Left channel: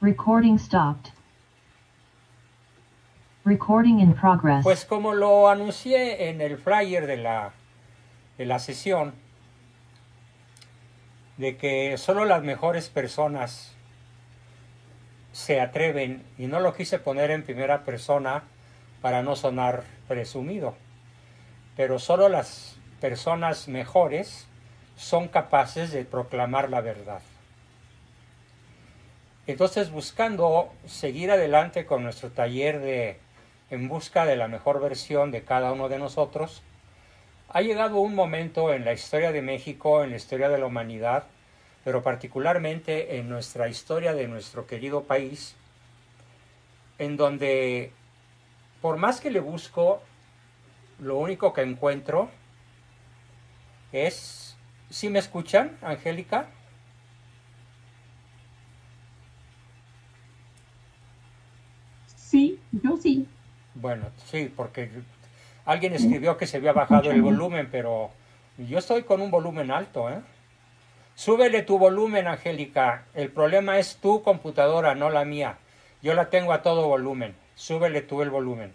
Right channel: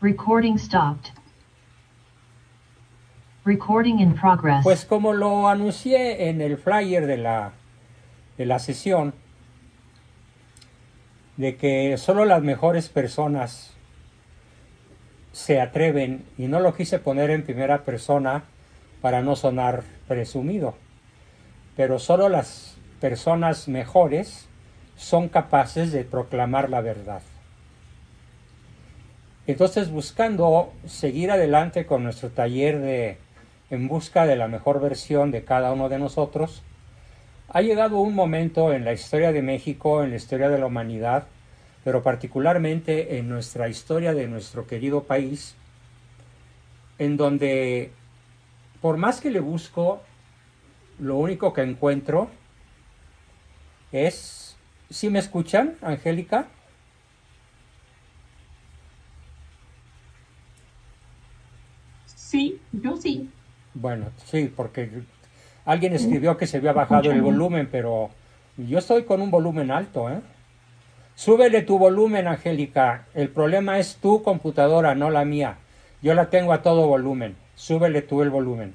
Recording stopped. Recording in progress. Pues como lo anuncié en el flyer de la sesión, de que solo las mejores personas se atreven, y no lo quise poner en primera persona para no sonar presumido, pero solo las personas mejores son capaces de proclamar la verdad. Entonces, buscando seguir adelante con nuestro taller de En busca de la mejor versión de cada uno de nosotros, ha llegado un momento en la historia de México, en la historia de la humanidad, pero particularmente en nuestra historia de nuestro querido país, en donde, por más que le busco, lo único que encuentro es... ¿Sí me escuchan, Angélica? Sí, yo sí. Bueno, sí, porque alguien escribió que se había bajado el volumen, pero yo estoy con un volumen alto, ¿eh? Súbele tu volumen, Angélica. El problema es tu computadora, no la mía. Yo la tengo a todo volumen. Súbele tú el volumen.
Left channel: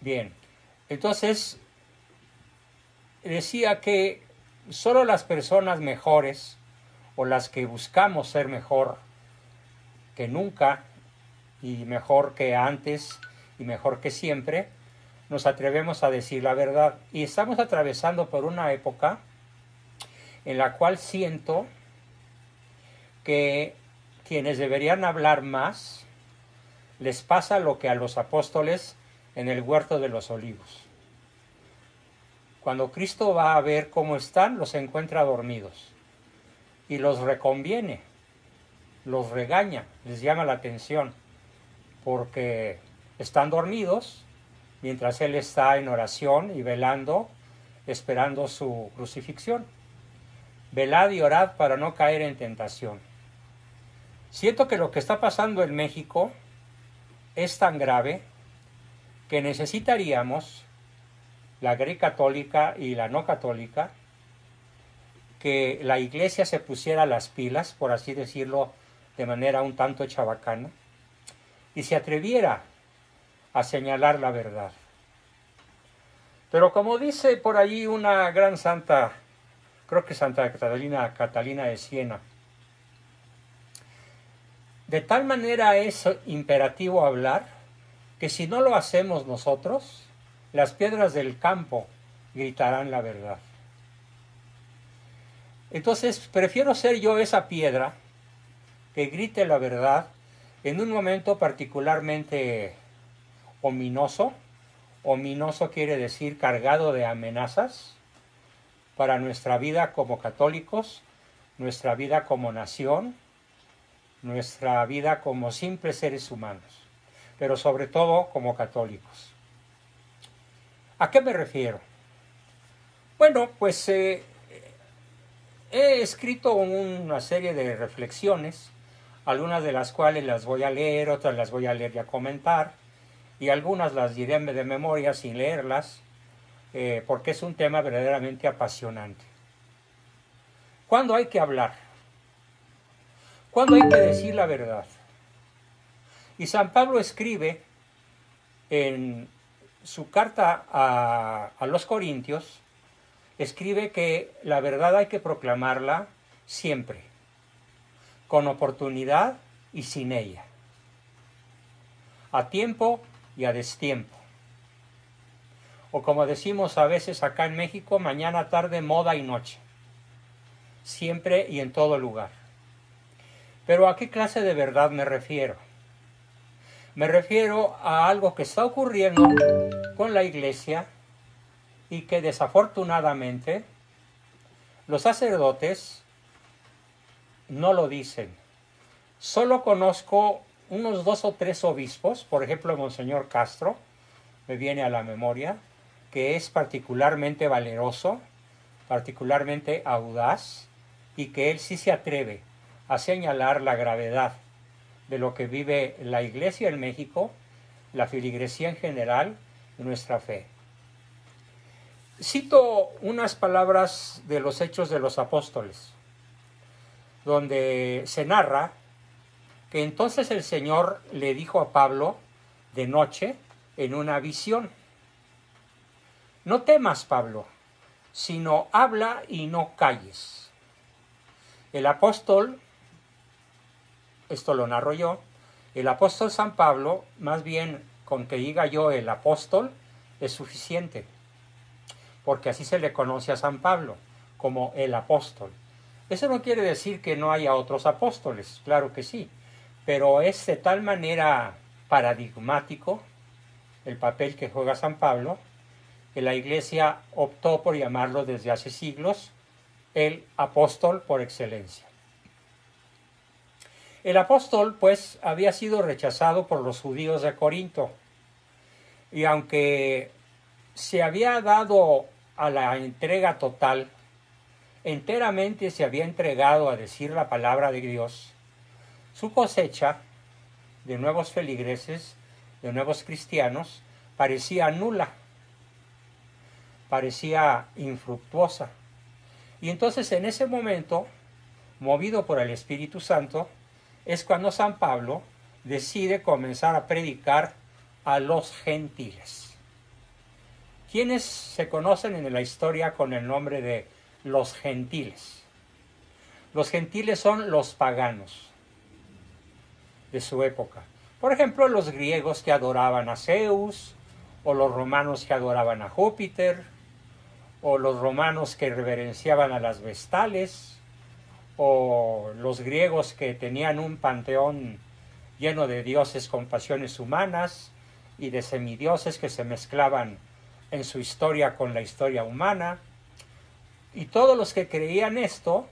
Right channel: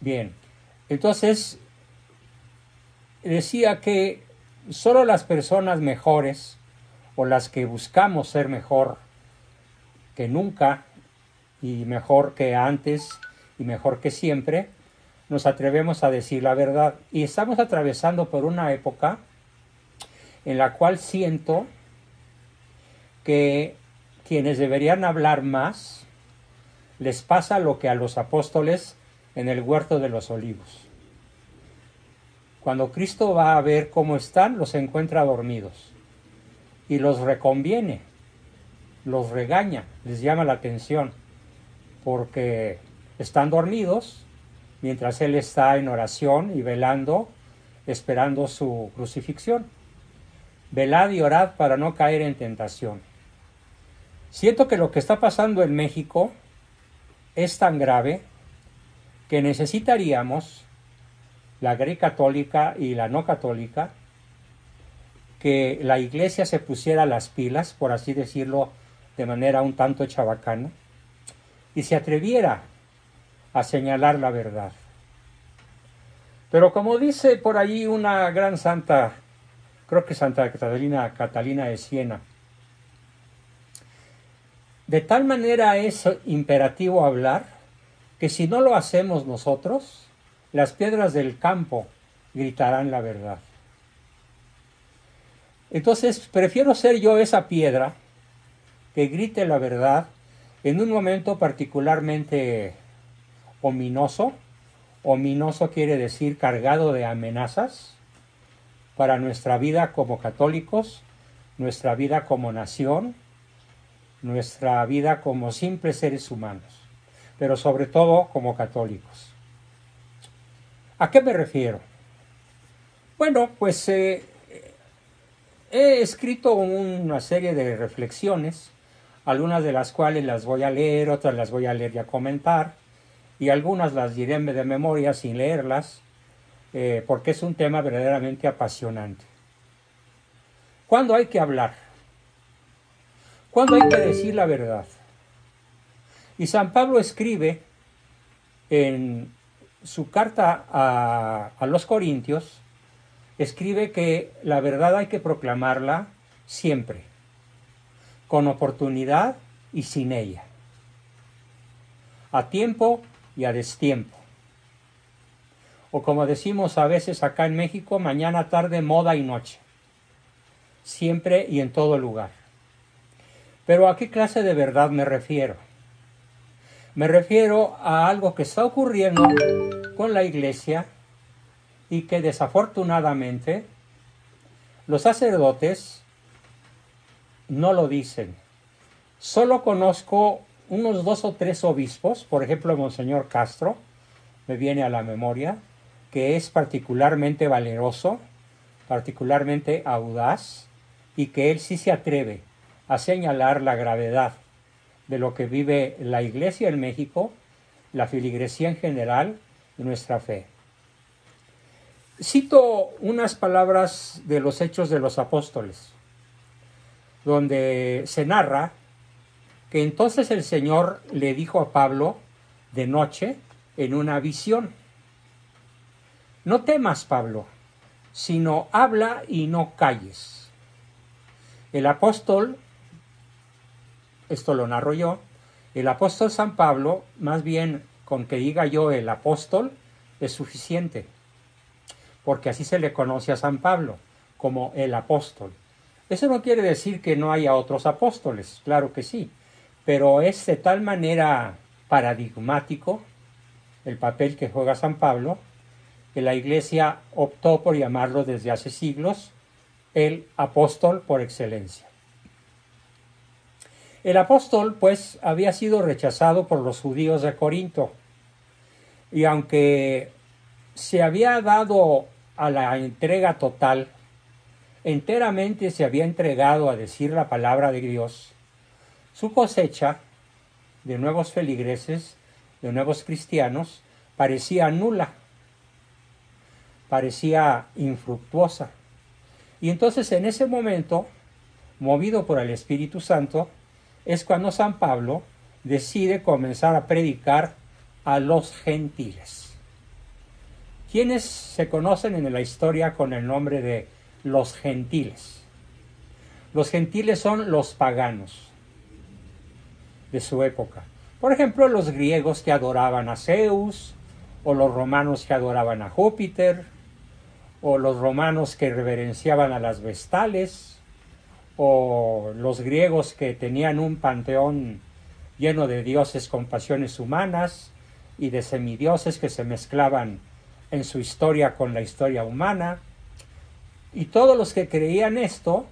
Bien. Entonces, decía que solo las personas mejores, o las que buscamos ser mejor que nunca, y mejor que antes, y mejor que siempre, nos atrevemos a decir la verdad. Y estamos atravesando por una época en la cual siento que quienes deberían hablar más, les pasa lo que a los apóstoles en el huerto de los olivos. Cuando Cristo va a ver cómo están, los encuentra dormidos y los reconviene, los regaña, les llama la atención, porque están dormidos mientras Él está en oración y velando, esperando su crucifixión. Velad y orad para no caer en tentación. Siento que lo que está pasando en México es tan grave que necesitaríamos, la Iglesia católica y la no católica, que la Iglesia se pusiera las pilas, por así decirlo, de manera un tanto chabacana, y se atreviera a señalar la verdad. Pero como dice por ahí una gran santa, creo que Santa Catalina de Siena, de tal manera es imperativo hablar que si no lo hacemos nosotros, las piedras del campo gritarán la verdad. Entonces, prefiero ser yo esa piedra que grite la verdad en un momento particularmente ominoso. Ominoso quiere decir cargado de amenazas para nuestra vida como católicos, nuestra vida como nación, nuestra vida como simples seres humanos, pero sobre todo como católicos. ¿A qué me refiero? Bueno, pues he escrito una serie de reflexiones, algunas de las cuales las voy a leer, otras las voy a leer y a comentar, y algunas las diré de memoria sin leerlas, porque es un tema verdaderamente apasionante. ¿Cuándo hay que hablar? ¿Cuándo hay que decir la verdad? Y San Pablo escribe en su carta a los Corintios, escribe que la verdad hay que proclamarla siempre, con oportunidad y sin ella, a tiempo y a destiempo. O como decimos a veces acá en México, mañana, tarde, moda y noche. Siempre y en todo lugar. Pero ¿a qué clase de verdad me refiero? Me refiero a algo que está ocurriendo con la Iglesia y que desafortunadamente los sacerdotes no lo dicen. Solo conozco unos 2 o 3 obispos, por ejemplo, Monseñor Castro, me viene a la memoria, que es particularmente valeroso, particularmente audaz, y que él sí se atreve a señalar la gravedad de lo que vive la Iglesia en México, la feligresía en general y nuestra fe. Cito unas palabras de los Hechos de los Apóstoles, donde se narra que entonces el Señor le dijo a Pablo de noche en una visión: no temas, Pablo, sino habla y no calles. El apóstol, esto lo narro yo, el apóstol San Pablo, más bien con que diga yo el apóstol, es suficiente, porque así se le conoce a San Pablo, como el apóstol. Eso no quiere decir que no haya otros apóstoles, claro que sí, pero es de tal manera paradigmático el papel que juega San Pablo, que la Iglesia optó por llamarlo desde hace siglos el apóstol por excelencia. El apóstol, pues, había sido rechazado por los judíos de Corinto, y aunque se había dado a la entrega total, enteramente se había entregado a decir la palabra de Dios, su cosecha de nuevos feligreses, de nuevos cristianos, parecía nula, parecía infructuosa. Y entonces en ese momento, movido por el Espíritu Santo, es cuando San Pablo decide comenzar a predicar a los gentiles. ¿Quiénes se conocen en la historia con el nombre de los gentiles? Los gentiles son los paganos de su época. Por ejemplo, los griegos que adoraban a Zeus, o los romanos que adoraban a Júpiter, o los romanos que reverenciaban a las vestales, o los griegos que tenían un panteón lleno de dioses con pasiones humanas y de semidioses que se mezclaban en su historia con la historia humana. Y todos los que creían esto,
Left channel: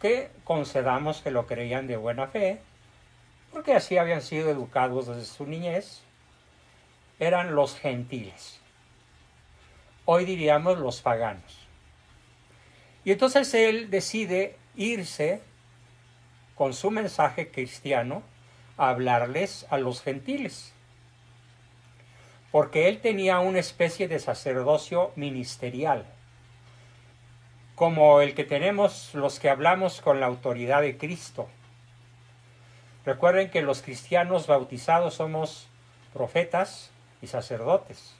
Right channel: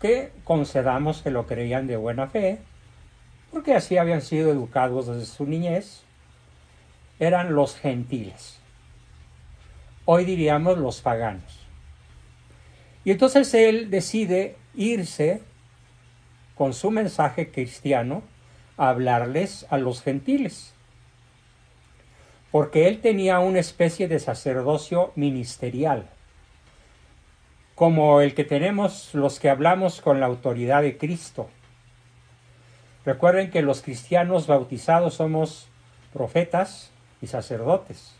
que concedamos que lo creían de buena fe, porque así habían sido educados desde su niñez, eran los gentiles. Hoy diríamos los paganos. Y entonces él decide irse con su mensaje cristiano a hablarles a los gentiles, porque él tenía una especie de sacerdocio ministerial, como el que tenemos los que hablamos con la autoridad de Cristo. Recuerden que los cristianos bautizados somos profetas y sacerdotes,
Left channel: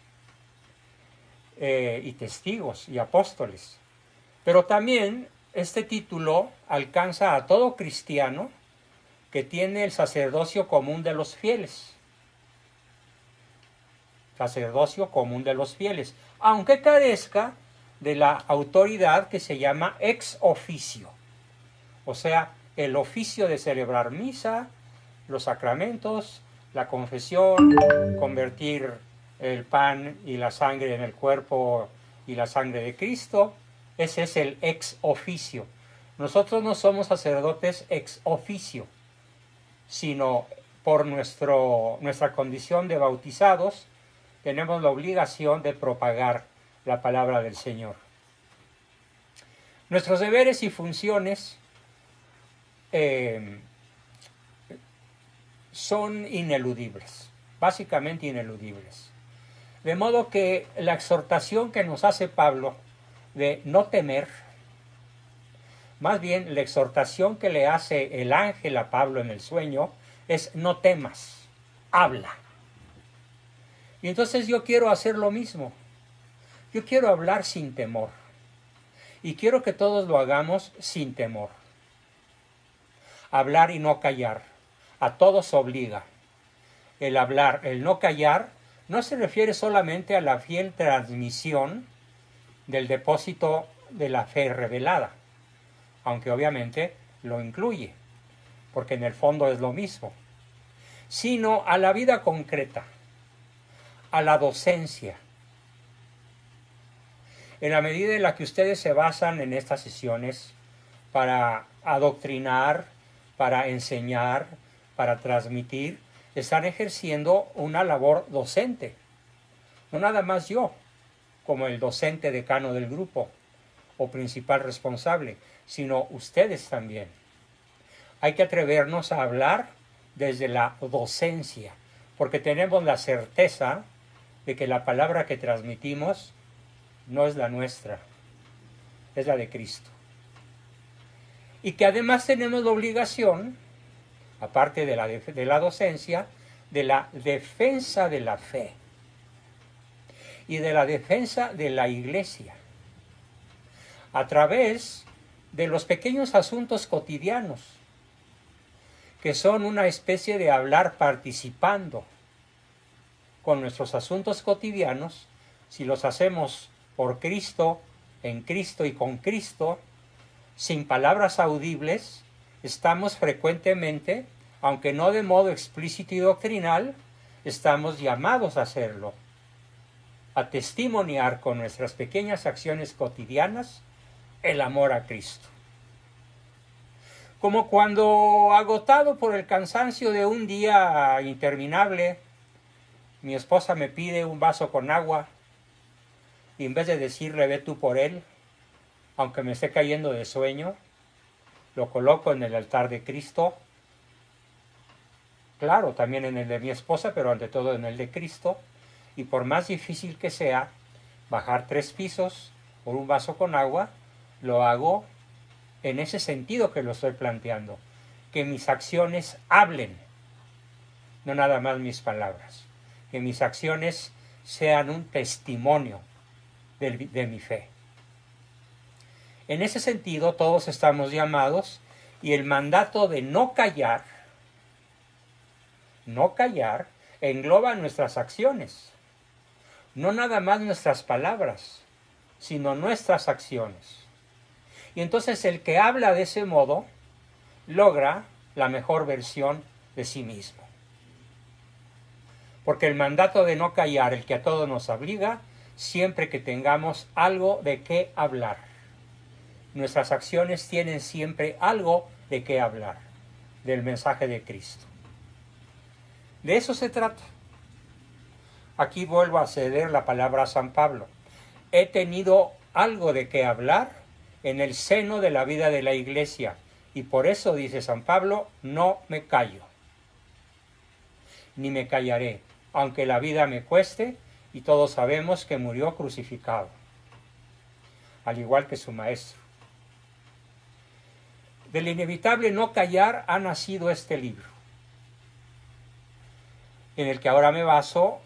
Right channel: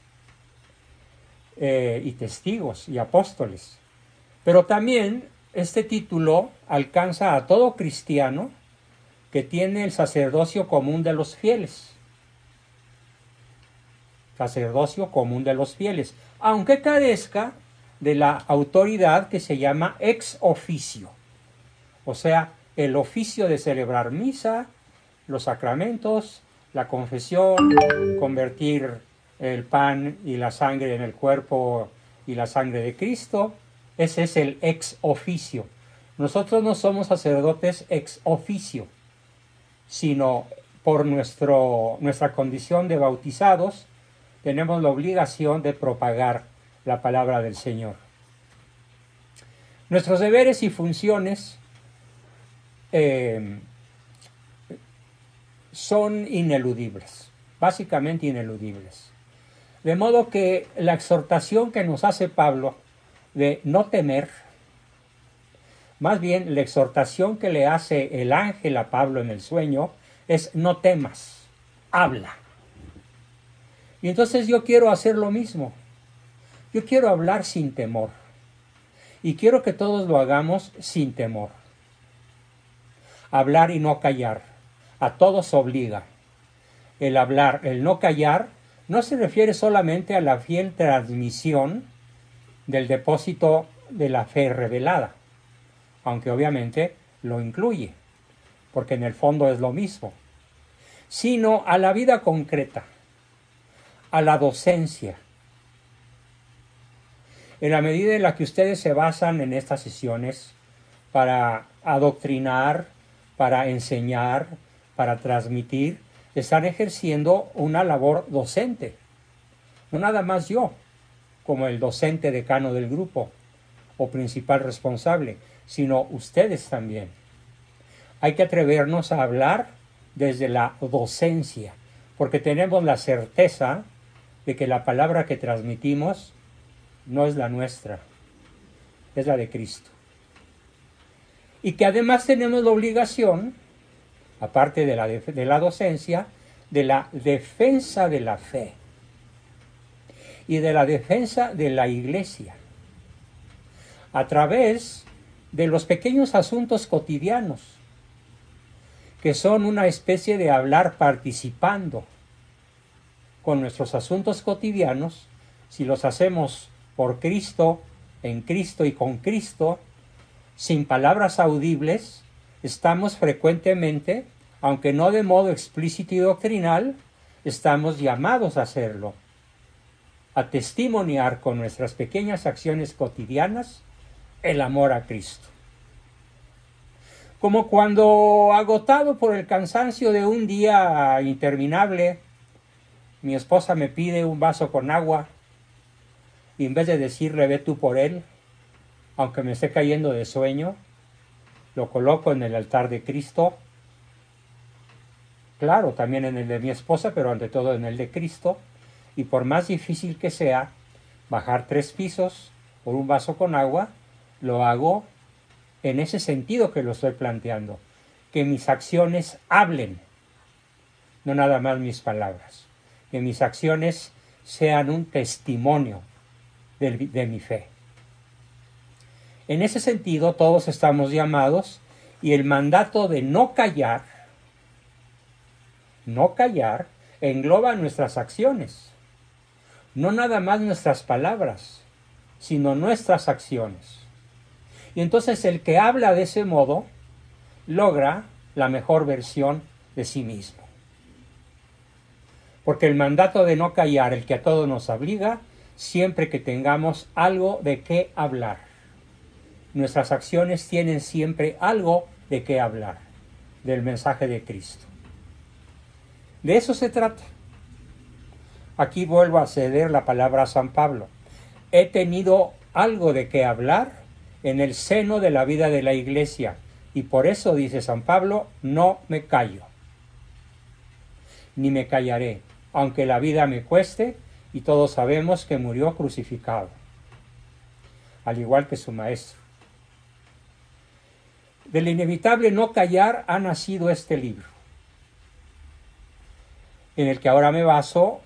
y testigos y apóstoles. Pero también este título alcanza a todo cristiano que tiene el sacerdocio común de los fieles. Sacerdocio común de los fieles, aunque carezca de la autoridad que se llama ex officio, o sea, el oficio de celebrar misa, los sacramentos, la confesión, convertir el pan y la sangre en el cuerpo y la sangre de Cristo. Ese es el ex officio. Nosotros no somos sacerdotes ex officio, sino por nuestra condición de bautizados, tenemos la obligación de propagar la palabra del Señor. Nuestros deberes y funciones son ineludibles, básicamente ineludibles. De modo que la exhortación que nos hace Pablo de no temer, más bien la exhortación que le hace el ángel a Pablo en el sueño es: no temas, habla. Y entonces yo quiero hacer lo mismo. Yo quiero hablar sin temor. Y quiero que todos lo hagamos sin temor. Hablar y no callar. A todos obliga. El hablar, el no callar, no se refiere solamente a la fiel transmisión del depósito de la fe revelada, aunque obviamente lo incluye, porque en el fondo es lo mismo, sino a la vida concreta, a la docencia. En la medida en la que ustedes se basan en estas sesiones para adoctrinar, para enseñar, para transmitir, están ejerciendo una labor docente. No nada más yo, como el docente decano del grupo o principal responsable, sino ustedes también. Hay que atrevernos a hablar desde la docencia, porque tenemos la certeza de que la palabra que transmitimos no es la nuestra, es la de Cristo. Y que además tenemos la obligación aparte de la docencia, de la defensa de la fe y de la defensa de la Iglesia a través de los pequeños asuntos cotidianos, que son una especie de hablar participando con nuestros asuntos cotidianos. Si los hacemos por Cristo, en Cristo y con Cristo, sin palabras audibles, estamos frecuentemente, aunque no de modo explícito y doctrinal, estamos llamados a hacerlo, a testimoniar con nuestras pequeñas acciones cotidianas el amor a Cristo. Como cuando, agotado por el cansancio de un día interminable, mi esposa me pide un vaso con agua y en vez de decirle ve tú por él, aunque me esté cayendo de sueño, lo coloco en el altar de Cristo, claro, también en el de mi esposa, pero ante todo en el de Cristo, y por más difícil que sea bajar 3 pisos por un vaso con agua, lo hago en ese sentido que lo estoy planteando, que mis acciones hablen, no nada más mis palabras, que mis acciones sean un testimonio de mi fe. En ese sentido, todos estamos llamados, y el mandato de no callar, engloba nuestras acciones, no nada más nuestras palabras, sino nuestras acciones. Y entonces el que habla de ese modo logra la mejor versión de sí mismo. Porque el mandato de no callar, el que a todos nos obliga, siempre que tengamos algo de qué hablar. Nuestras acciones tienen siempre algo de qué hablar, del mensaje de Cristo. De eso se trata. Aquí vuelvo a ceder la palabra a San Pablo. He tenido algo de qué hablar en el seno de la vida de la Iglesia, y por eso, dice San Pablo, no me callo, ni me callaré, aunque la vida me cueste, y todos sabemos que murió crucificado, al igual que su maestro. Del inevitable no callar ha nacido este libro, en el que ahora me baso,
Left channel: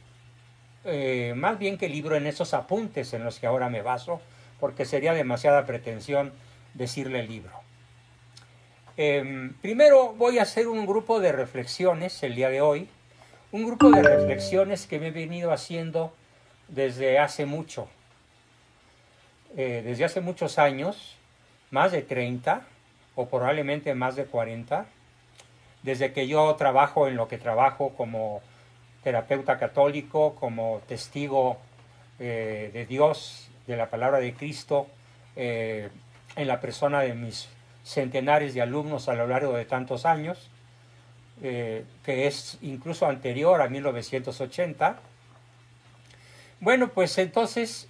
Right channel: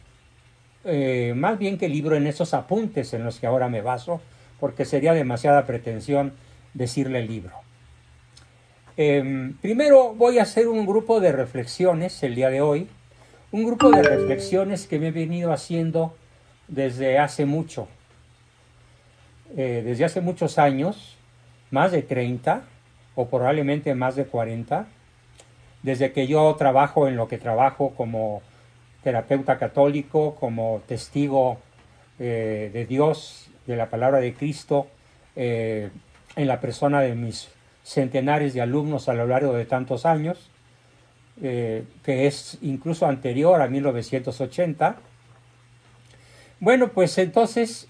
más bien que libro, en esos apuntes en los que ahora me baso, porque sería demasiada pretensión decirle libro. Primero voy a hacer un grupo de reflexiones el día de hoy, un grupo de reflexiones que me he venido haciendo desde hace mucho, desde hace muchos años, más de 30 o probablemente más de 40, desde que yo trabajo en lo que trabajo como terapeuta católico, como testigo de Dios, de la palabra de Cristo, en la persona de mis centenares de alumnos a lo largo de tantos años, que es incluso anterior a 1980. Bueno, pues entonces,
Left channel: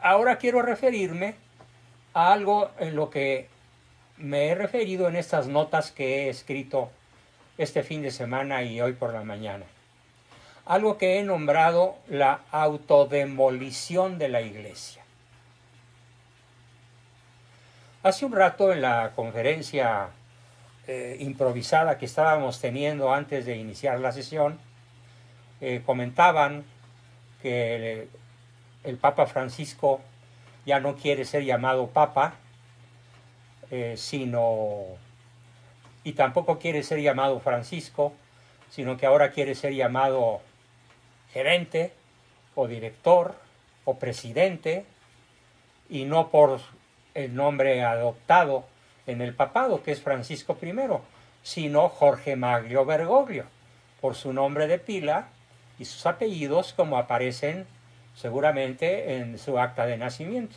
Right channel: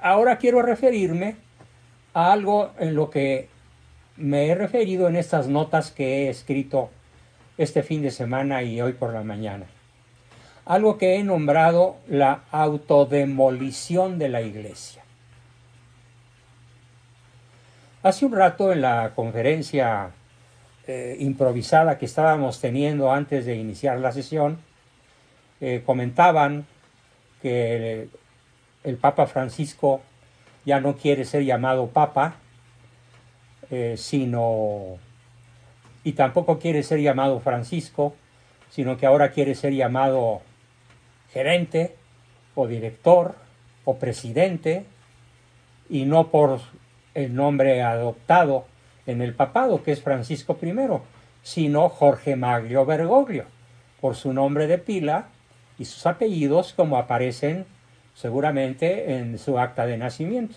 ahora quiero referirme a algo en lo que me he referido en estas notas que he escrito este fin de semana y hoy por la mañana. Algo que he nombrado la autodemolición de la Iglesia. Hace un rato en la conferencia improvisada que estábamos teniendo antes de iniciar la sesión, comentaban que el Papa Francisco ya no quiere ser llamado Papa, y tampoco quiere ser llamado Francisco, sino que ahora quiere ser llamado gerente o director o presidente, y no por el nombre adoptado en el papado, que es Francisco I, sino Jorge Maglio Bergoglio, por su nombre de pila y sus apellidos como aparecen seguramente en su acta de nacimiento.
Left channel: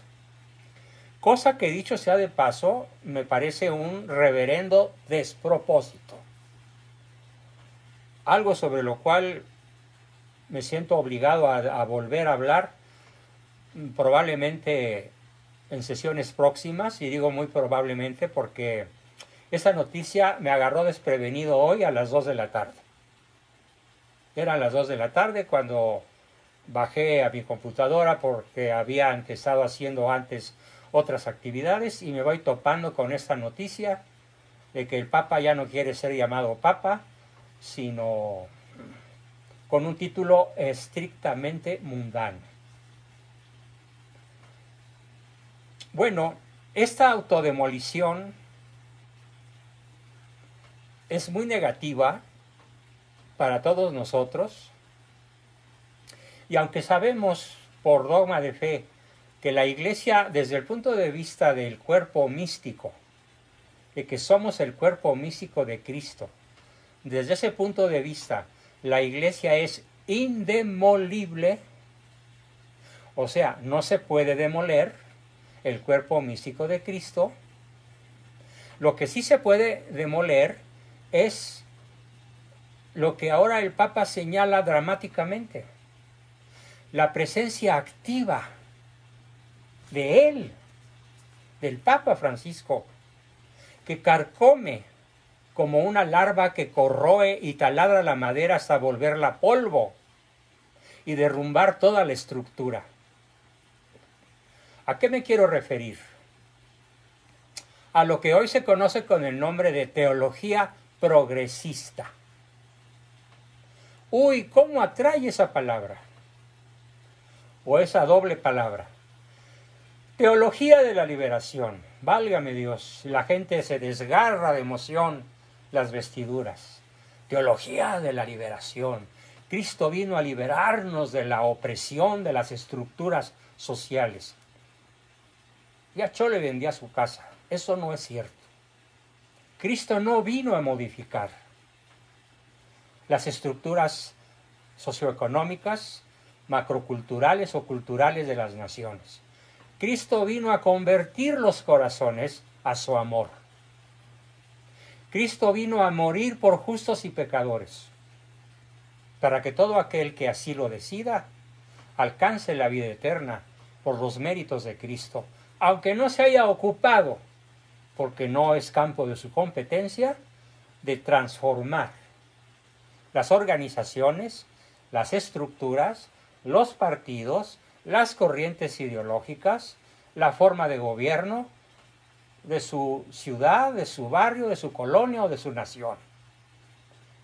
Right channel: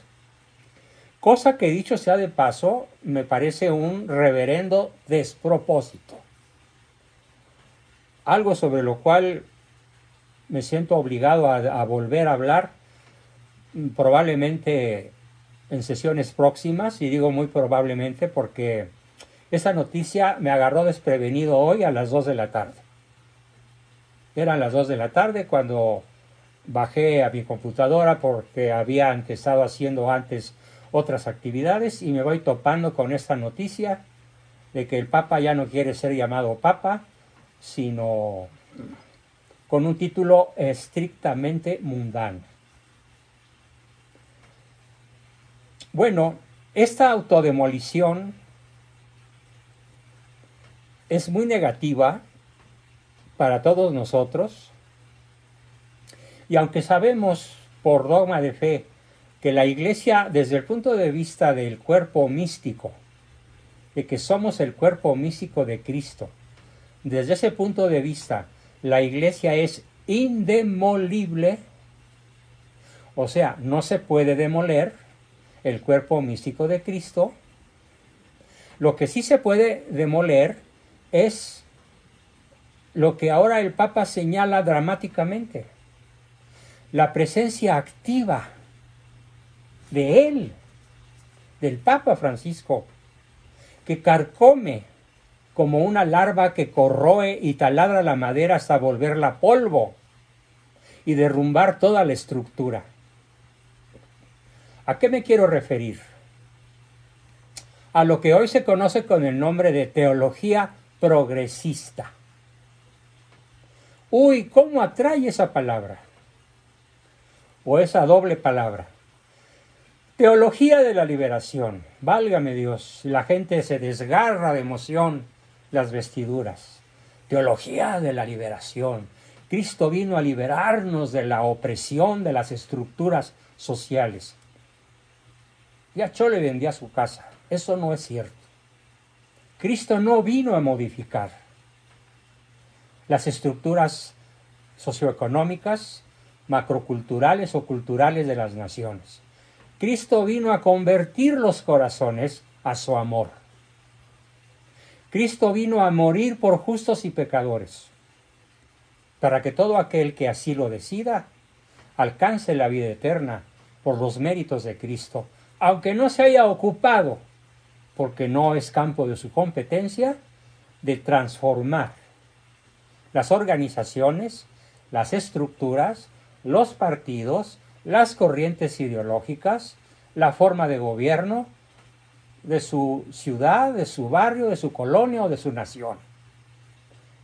Cosa que, dicho sea de paso, me parece un reverendo despropósito. Algo sobre lo cual me siento obligado a volver a hablar, probablemente en sesiones próximas, y digo muy probablemente porque esa noticia me agarró desprevenido hoy a las 2 de la tarde. Eran las 2 de la tarde cuando bajé a mi computadora porque habían estado haciendo antes otras actividades y me voy topando con esta noticia de que el Papa ya no quiere ser llamado Papa, sino con un título estrictamente mundano. Bueno, esta autodemolición es muy negativa para todos nosotros, y aunque sabemos por dogma de fe que la Iglesia, desde el punto de vista del cuerpo místico, de que somos el cuerpo místico de Cristo, desde ese punto de vista, la Iglesia es indemolible, o sea, no se puede demoler el cuerpo místico de Cristo. Lo que sí se puede demoler es lo que ahora el Papa señala dramáticamente: la presencia activa de él, del Papa Francisco, que carcome como una larva que corroe y taladra la madera hasta volverla polvo y derrumbar toda la estructura. ¿A qué me quiero referir? A lo que hoy se conoce con el nombre de teología progresista. Uy, ¿cómo atrae esa palabra? O esa doble palabra. Teología de la liberación. Válgame Dios, la gente se desgarra de emoción las vestiduras. Teología de la liberación. Cristo vino a liberarnos de la opresión de las estructuras sociales. Ya Chole vendía su casa. Eso no es cierto. Cristo no vino a modificar las estructuras socioeconómicas, macroculturales o culturales de las naciones. Cristo vino a convertir los corazones a su amor. Cristo vino a morir por justos y pecadores, para que todo aquel que así lo decida alcance la vida eterna por los méritos de Cristo, aunque no se haya ocupado, porque no es campo de su competencia, de transformar las organizaciones, las estructuras, los partidos, las corrientes ideológicas, la forma de gobierno de su ciudad, de su barrio, de su colonia o de su nación.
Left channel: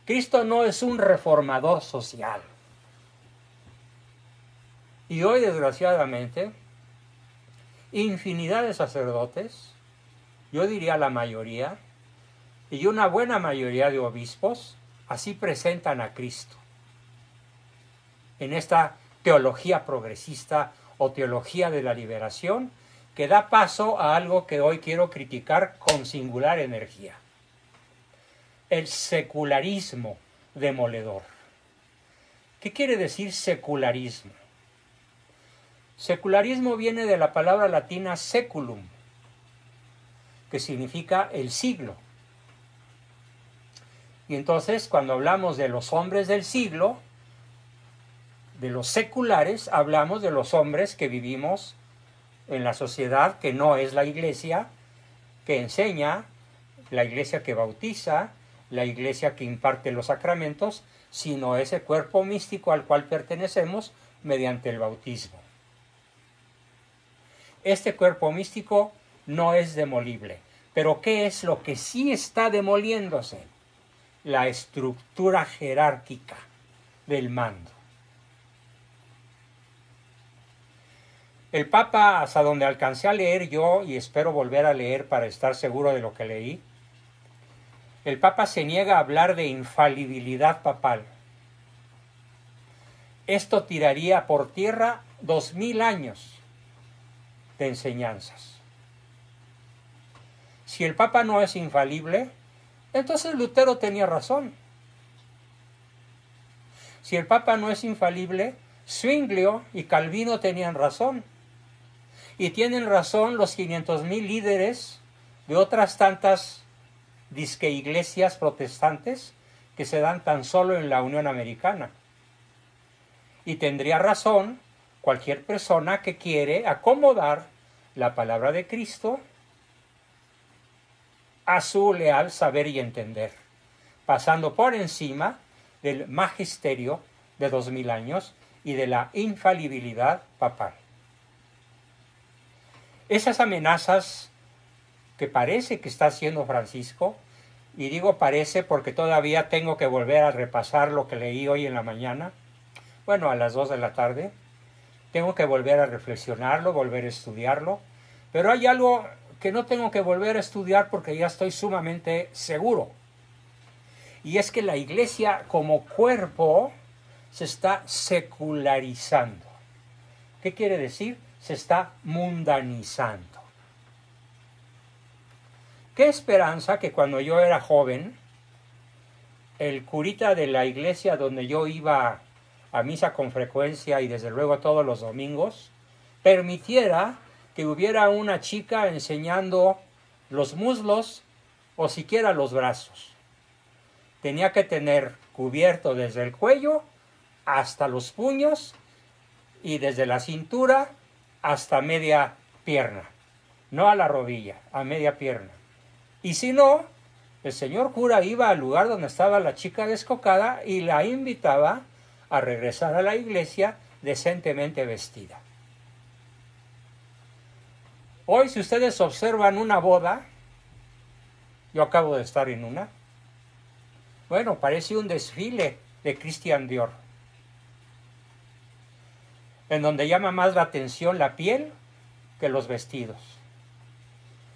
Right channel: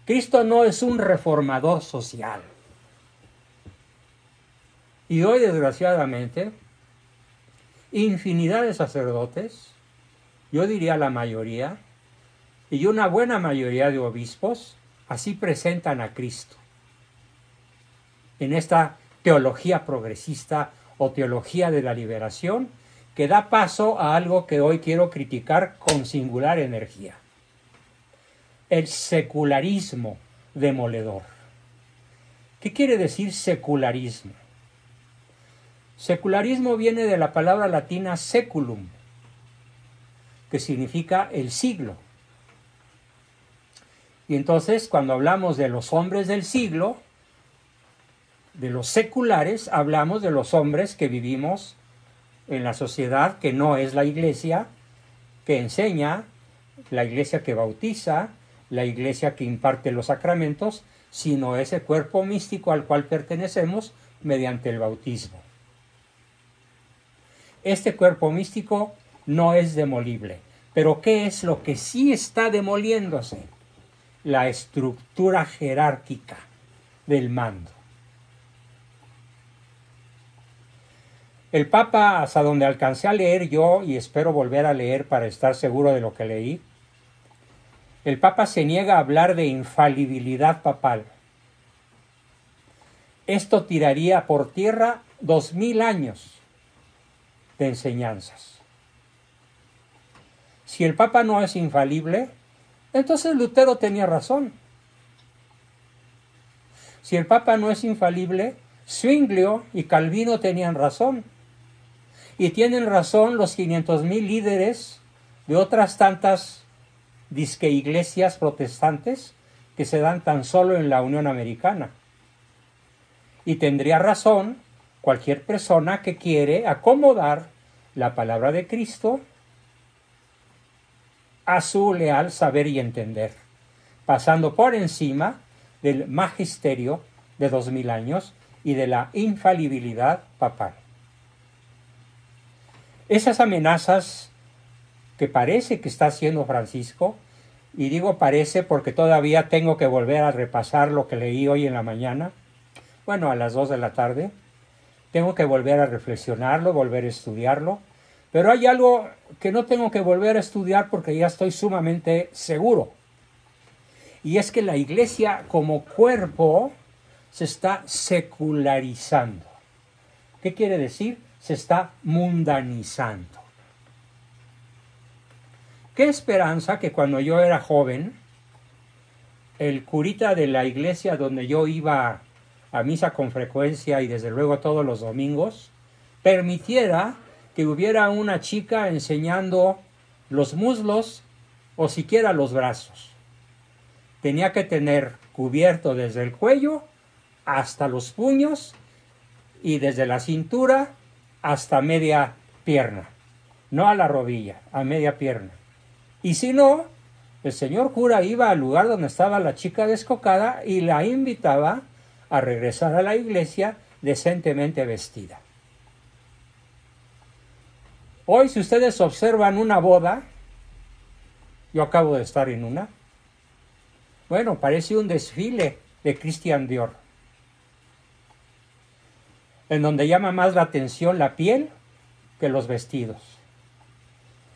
Cristo no es un reformador social. Y hoy, desgraciadamente, infinidad de sacerdotes, yo diría la mayoría, y una buena mayoría de obispos, así presentan a Cristo en esta teología progresista o teología de la liberación, que da paso a algo que hoy quiero criticar con singular energía: el secularismo demoledor. ¿Qué quiere decir secularismo? Secularismo viene de la palabra latina seculum, que significa el siglo. Y entonces, cuando hablamos de los hombres del siglo, de los seculares, hablamos de los hombres que vivimos en la sociedad que no es la iglesia, que enseña, la iglesia que bautiza, la iglesia que imparte los sacramentos, sino ese cuerpo místico al cual pertenecemos mediante el bautismo. Este cuerpo místico no es demolible. Pero ¿qué es lo que sí está demoliéndose? La estructura jerárquica del mando. El Papa, hasta donde alcancé a leer yo, y espero volver a leer para estar seguro de lo que leí, el Papa se niega a hablar de infalibilidad papal. Esto tiraría por tierra 2000 años de enseñanzas. Si el Papa no es infalible, entonces Lutero tenía razón. Si el Papa no es infalible, Zwinglio y Calvino tenían razón. Y tienen razón los 500,000 líderes de otras tantas disque iglesias protestantes que se dan tan solo en la Unión Americana. Y tendría razón cualquier persona que quiere acomodar la palabra de Cristo a su leal saber y entender, pasando por encima del magisterio de 2000 años y de la infalibilidad papal. Esas amenazas que parece que está haciendo Francisco Y digo parece porque todavía tengo que volver a repasar lo que leí hoy en la mañana. Bueno, a las 2 de la tarde. Tengo que volver a reflexionarlo, volver a estudiarlo. Pero hay algo que no tengo que volver a estudiar porque ya estoy sumamente seguro. Y es que la iglesia como cuerpo se está secularizando. ¿Qué quiere decir? Se está mundanizando. Qué esperanza que cuando yo era joven, el curita de la iglesia donde yo iba a misa con frecuencia y desde luego todos los domingos, permitiera que hubiera una chica enseñando los muslos o siquiera los brazos. Tenía que tener cubierto desde el cuello hasta los puños y desde la cintura hasta media pierna, no a la rodilla, a media pierna. Y si no, el señor cura iba al lugar donde estaba la chica descocada y la invitaba a regresar a la iglesia decentemente vestida. Hoy, si ustedes observan una boda, yo acabo de estar en una, bueno, parece un desfile de Christian Dior, en donde llama más la atención la piel que los vestidos.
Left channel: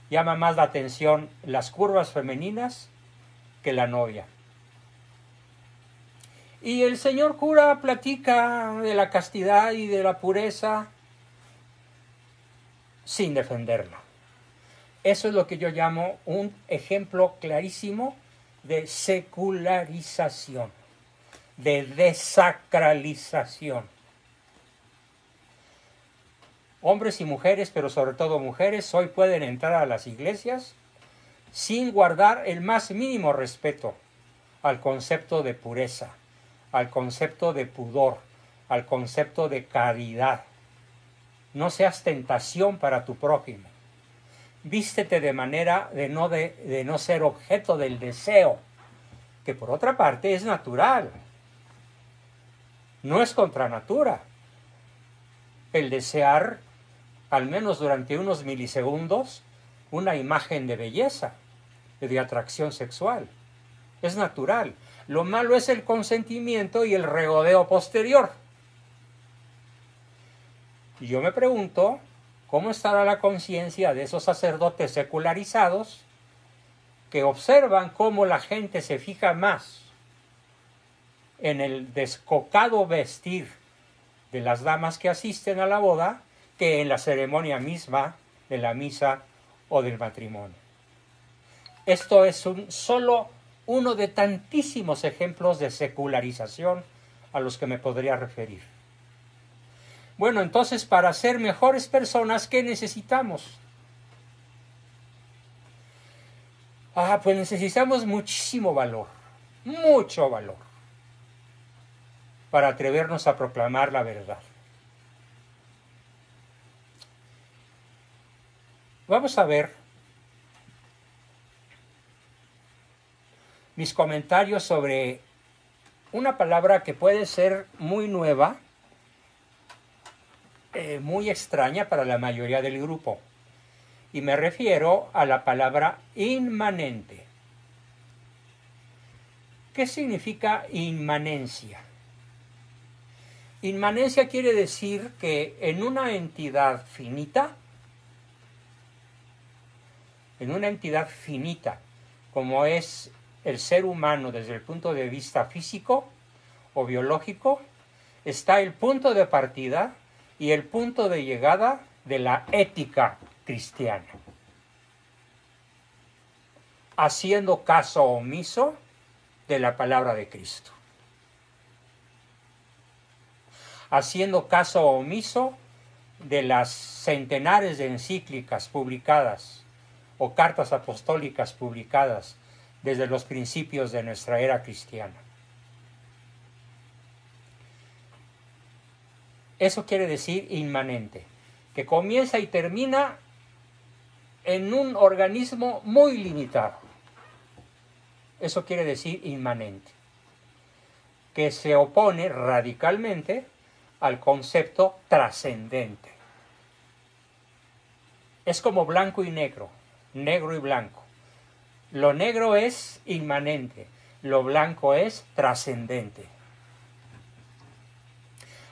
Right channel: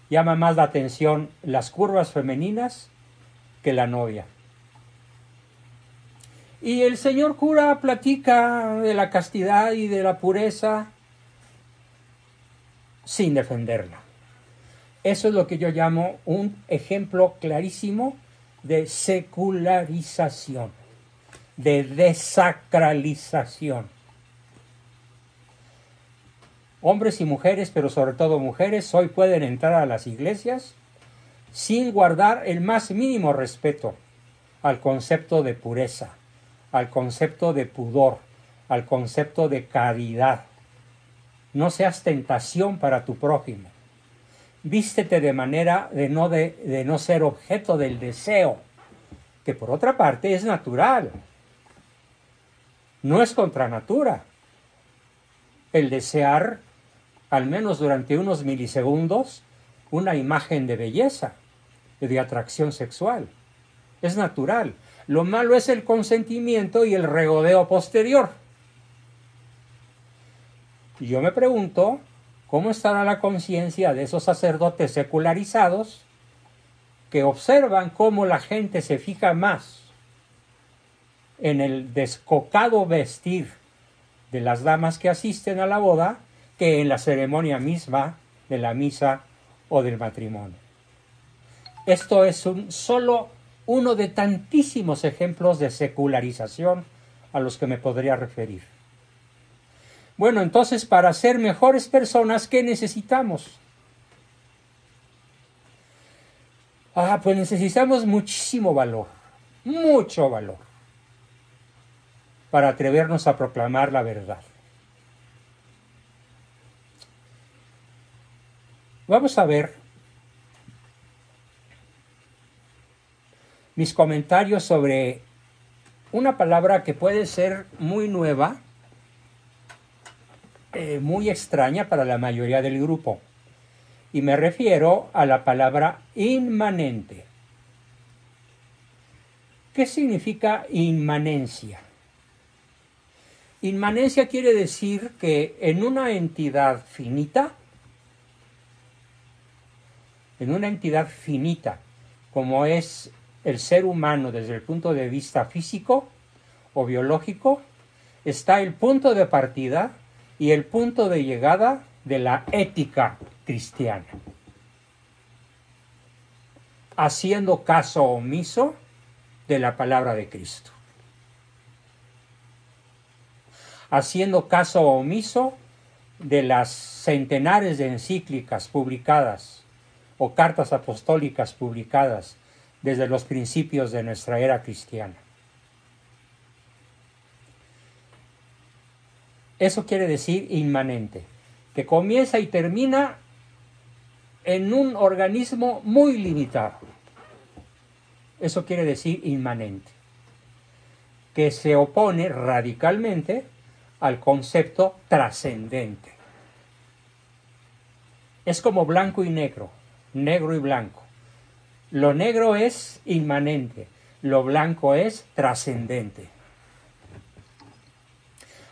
Llama más la atención las curvas femeninas que la novia. Y el señor cura platica de la castidad y de la pureza sin defenderla. Eso es lo que yo llamo un ejemplo clarísimo de secularización, de desacralización. Hombres y mujeres, pero sobre todo mujeres, hoy pueden entrar a las iglesias sin guardar el más mínimo respeto al concepto de pureza, al concepto de pudor, al concepto de caridad. No seas tentación para tu prójimo. Vístete de manera de no ser objeto del deseo, que por otra parte es natural. No es contra natura. El desear, al menos durante unos milisegundos, una imagen de belleza, de atracción sexual. Es natural. Lo malo es el consentimiento y el regodeo posterior. Y yo me pregunto, ¿cómo estará la conciencia de esos sacerdotes secularizados que observan cómo la gente se fija más en el descocado vestir de las damas que asisten a la boda que en la ceremonia misma de la misa o del matrimonio? Esto es solo uno de tantísimos ejemplos de secularización a los que me podría referir. Bueno, entonces, para ser mejores personas, ¿qué necesitamos? Pues necesitamos muchísimo valor, mucho valor, para atrevernos a proclamar la verdad. Vamos a ver mis comentarios sobre una palabra que puede ser muy nueva, muy extraña para la mayoría del grupo. Y me refiero a la palabra inmanente. ¿Qué significa inmanencia? Inmanencia quiere decir que en una entidad finita, como es el ser humano desde el punto de vista físico o biológico, está el punto de partida y el punto de llegada de la ética cristiana. Haciendo caso omiso de la palabra de Cristo. Haciendo caso omiso de las centenares de encíclicas publicadas o cartas apostólicas publicadas desde los principios de nuestra era cristiana. Eso quiere decir inmanente, que comienza y termina en un organismo muy limitado. Eso quiere decir inmanente, que se opone radicalmente al concepto trascendente. Es como blanco y negro, negro y blanco. Lo negro es inmanente, lo blanco es trascendente,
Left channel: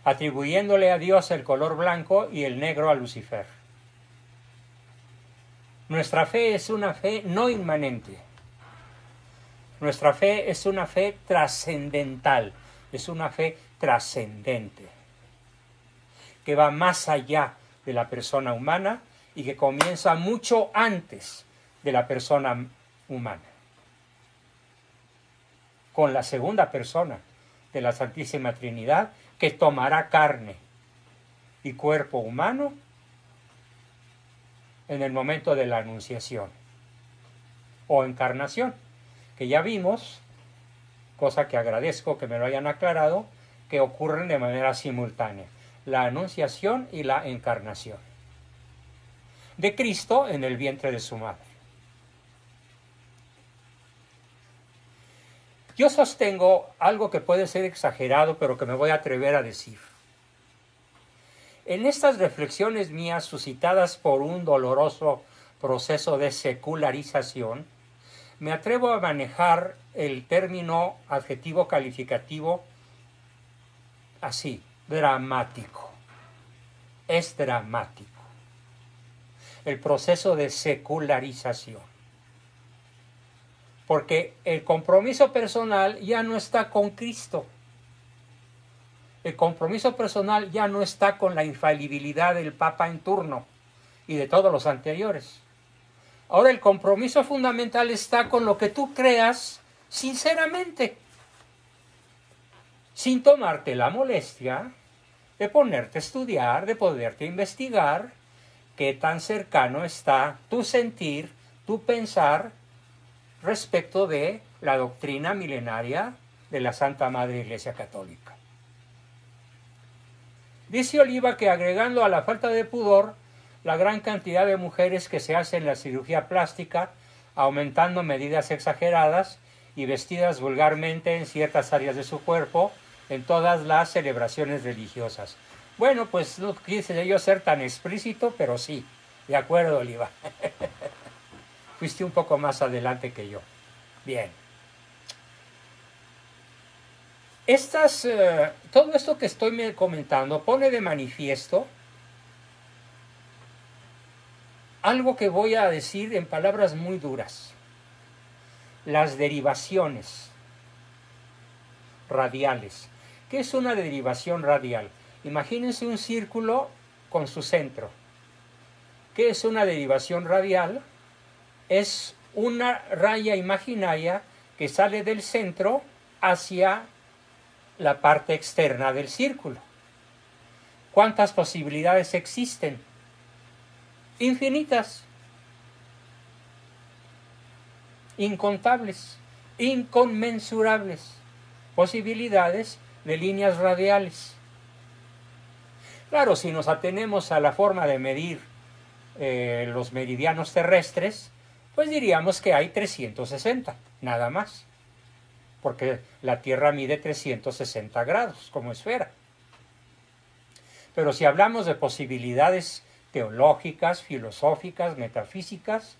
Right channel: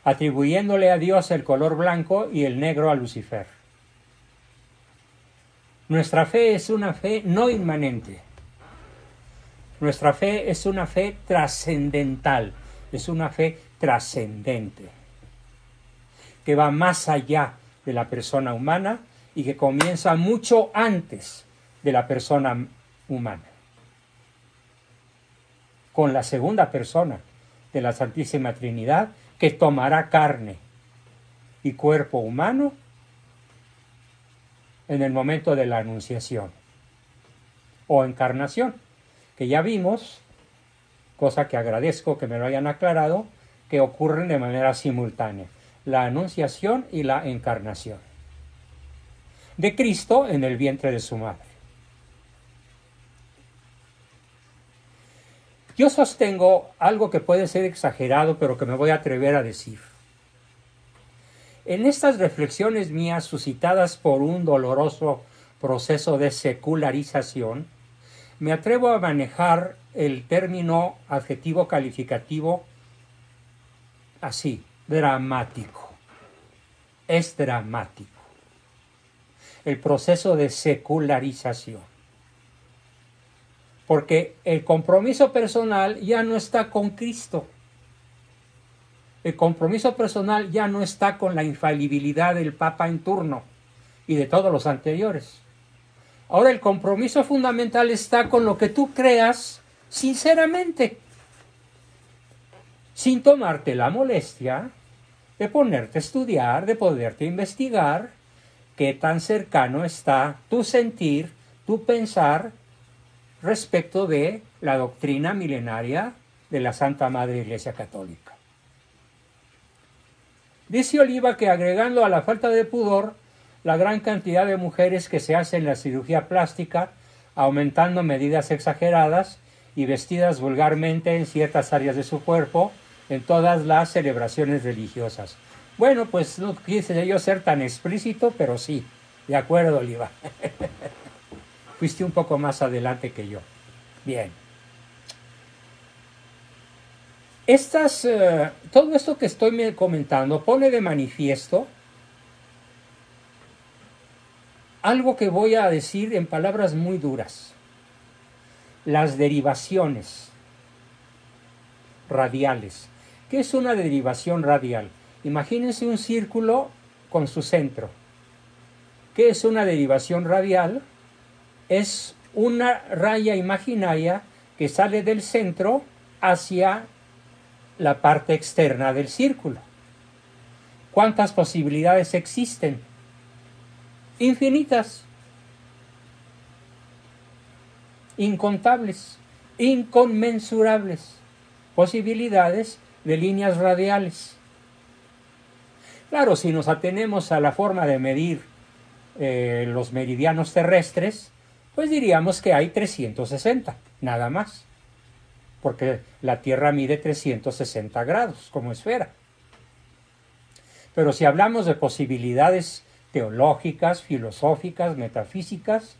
atribuyéndole a Dios el color blanco y el negro a Lucifer. Nuestra fe es una fe no inmanente. Nuestra fe es una fe trascendental, es una fe trascendente, que va más allá de la persona humana y que comienza mucho antes de la persona humana, con la segunda persona de la Santísima Trinidad, que tomará carne y cuerpo humano en el momento de la anunciación o encarnación, que ya vimos, cosa que agradezco que me lo hayan aclarado, que ocurren de manera simultánea, la anunciación y la encarnación de Cristo en el vientre de su madre. Yo sostengo algo que puede ser exagerado, pero que me voy a atrever a decir. En estas reflexiones mías suscitadas por un doloroso proceso de secularización, me atrevo a manejar el término adjetivo calificativo así, dramático. Es dramático el proceso de secularización, porque el compromiso personal ya no está con Cristo. El compromiso personal ya no está con la infalibilidad del Papa en turno y de todos los anteriores. Ahora el compromiso fundamental está con lo que tú creas sinceramente, sin tomarte la molestia de ponerte a estudiar, de poderte investigar qué tan cercano está tu sentir, tu pensar respecto de la doctrina milenaria de la Santa Madre Iglesia Católica. Dice Oliva que agregando a la falta de pudor la gran cantidad de mujeres que se hacen la cirugía plástica, aumentando medidas exageradas y vestidas vulgarmente en ciertas áreas de su cuerpo, en todas las celebraciones religiosas. Bueno, pues no quise yo ser tan explícito, pero sí, de acuerdo, Oliva. Fuiste un poco más adelante que yo. Bien. Todo esto que estoy comentando pone de manifiesto algo que voy a decir en palabras muy duras. Las derivaciones radiales. ¿Qué es una derivación radial? Imagínense un círculo con su centro. ¿Qué es una derivación radial? Es una raya imaginaria que sale del centro hacia la parte externa del círculo. ¿Cuántas posibilidades existen? Infinitas, incontables, inconmensurables posibilidades de líneas radiales. Claro, si nos atenemos a la forma de medir los meridianos terrestres, pues diríamos que hay 360, nada más, porque la Tierra mide 360 grados como esfera. Pero si hablamos de posibilidades teológicas, filosóficas, metafísicas,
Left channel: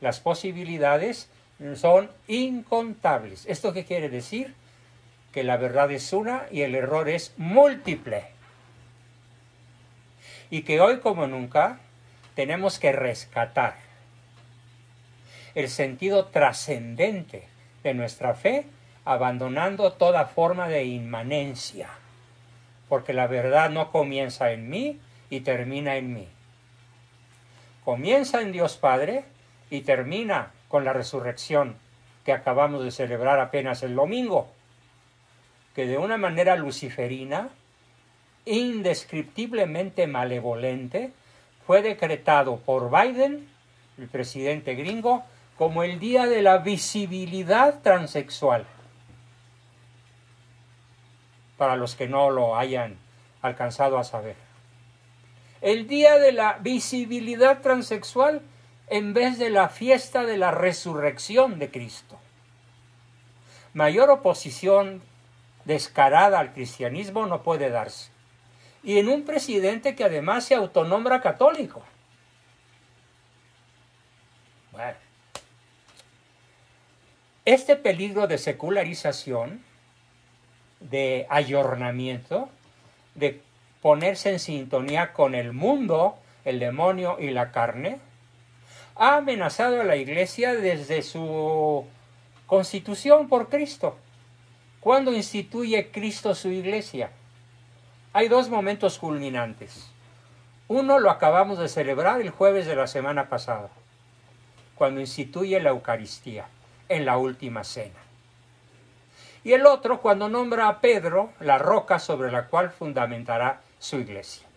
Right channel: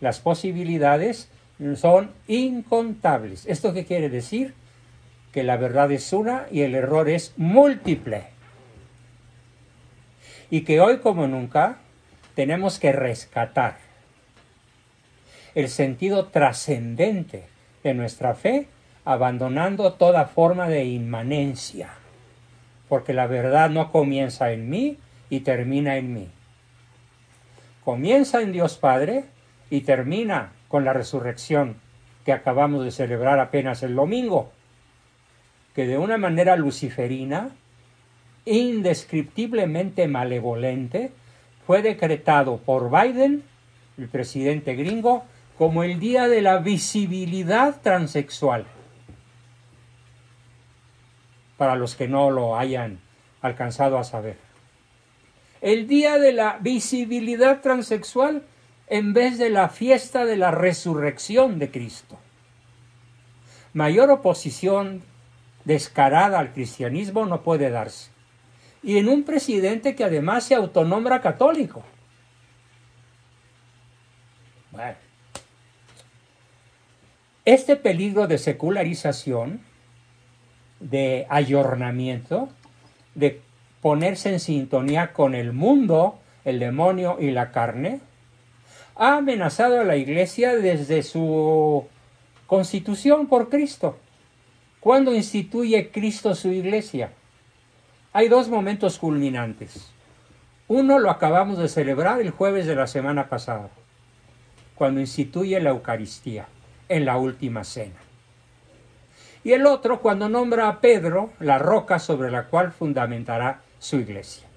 las posibilidades son incontables. ¿Esto qué quiere decir? Que la verdad es una y el error es múltiple. Y que hoy como nunca tenemos que rescatar el sentido trascendente de nuestra fe, abandonando toda forma de inmanencia, porque la verdad no comienza en mí y termina en mí. Comienza en Dios Padre y termina con la resurrección que acabamos de celebrar apenas el domingo, que de una manera luciferina, indescriptiblemente malevolente, fue decretado por Biden, el presidente gringo, como el día de la visibilidad transexual. Para los que no lo hayan alcanzado a saber. El día de la visibilidad transexual en vez de la fiesta de la resurrección de Cristo. Mayor oposición descarada al cristianismo no puede darse. Y en un presidente que además se autonombra católico. Bueno, Este peligro de secularización, de ayornamiento, de ponerse en sintonía con el mundo, el demonio y la carne, ha amenazado a la Iglesia desde su constitución por Cristo. ¿Cuándo instituye Cristo su Iglesia? Hay dos momentos culminantes. Uno lo acabamos de celebrar el jueves de la semana pasada, cuando instituye la Eucaristía en la última cena. Y el otro cuando nombra a Pedro la roca sobre la cual fundamentará su Iglesia.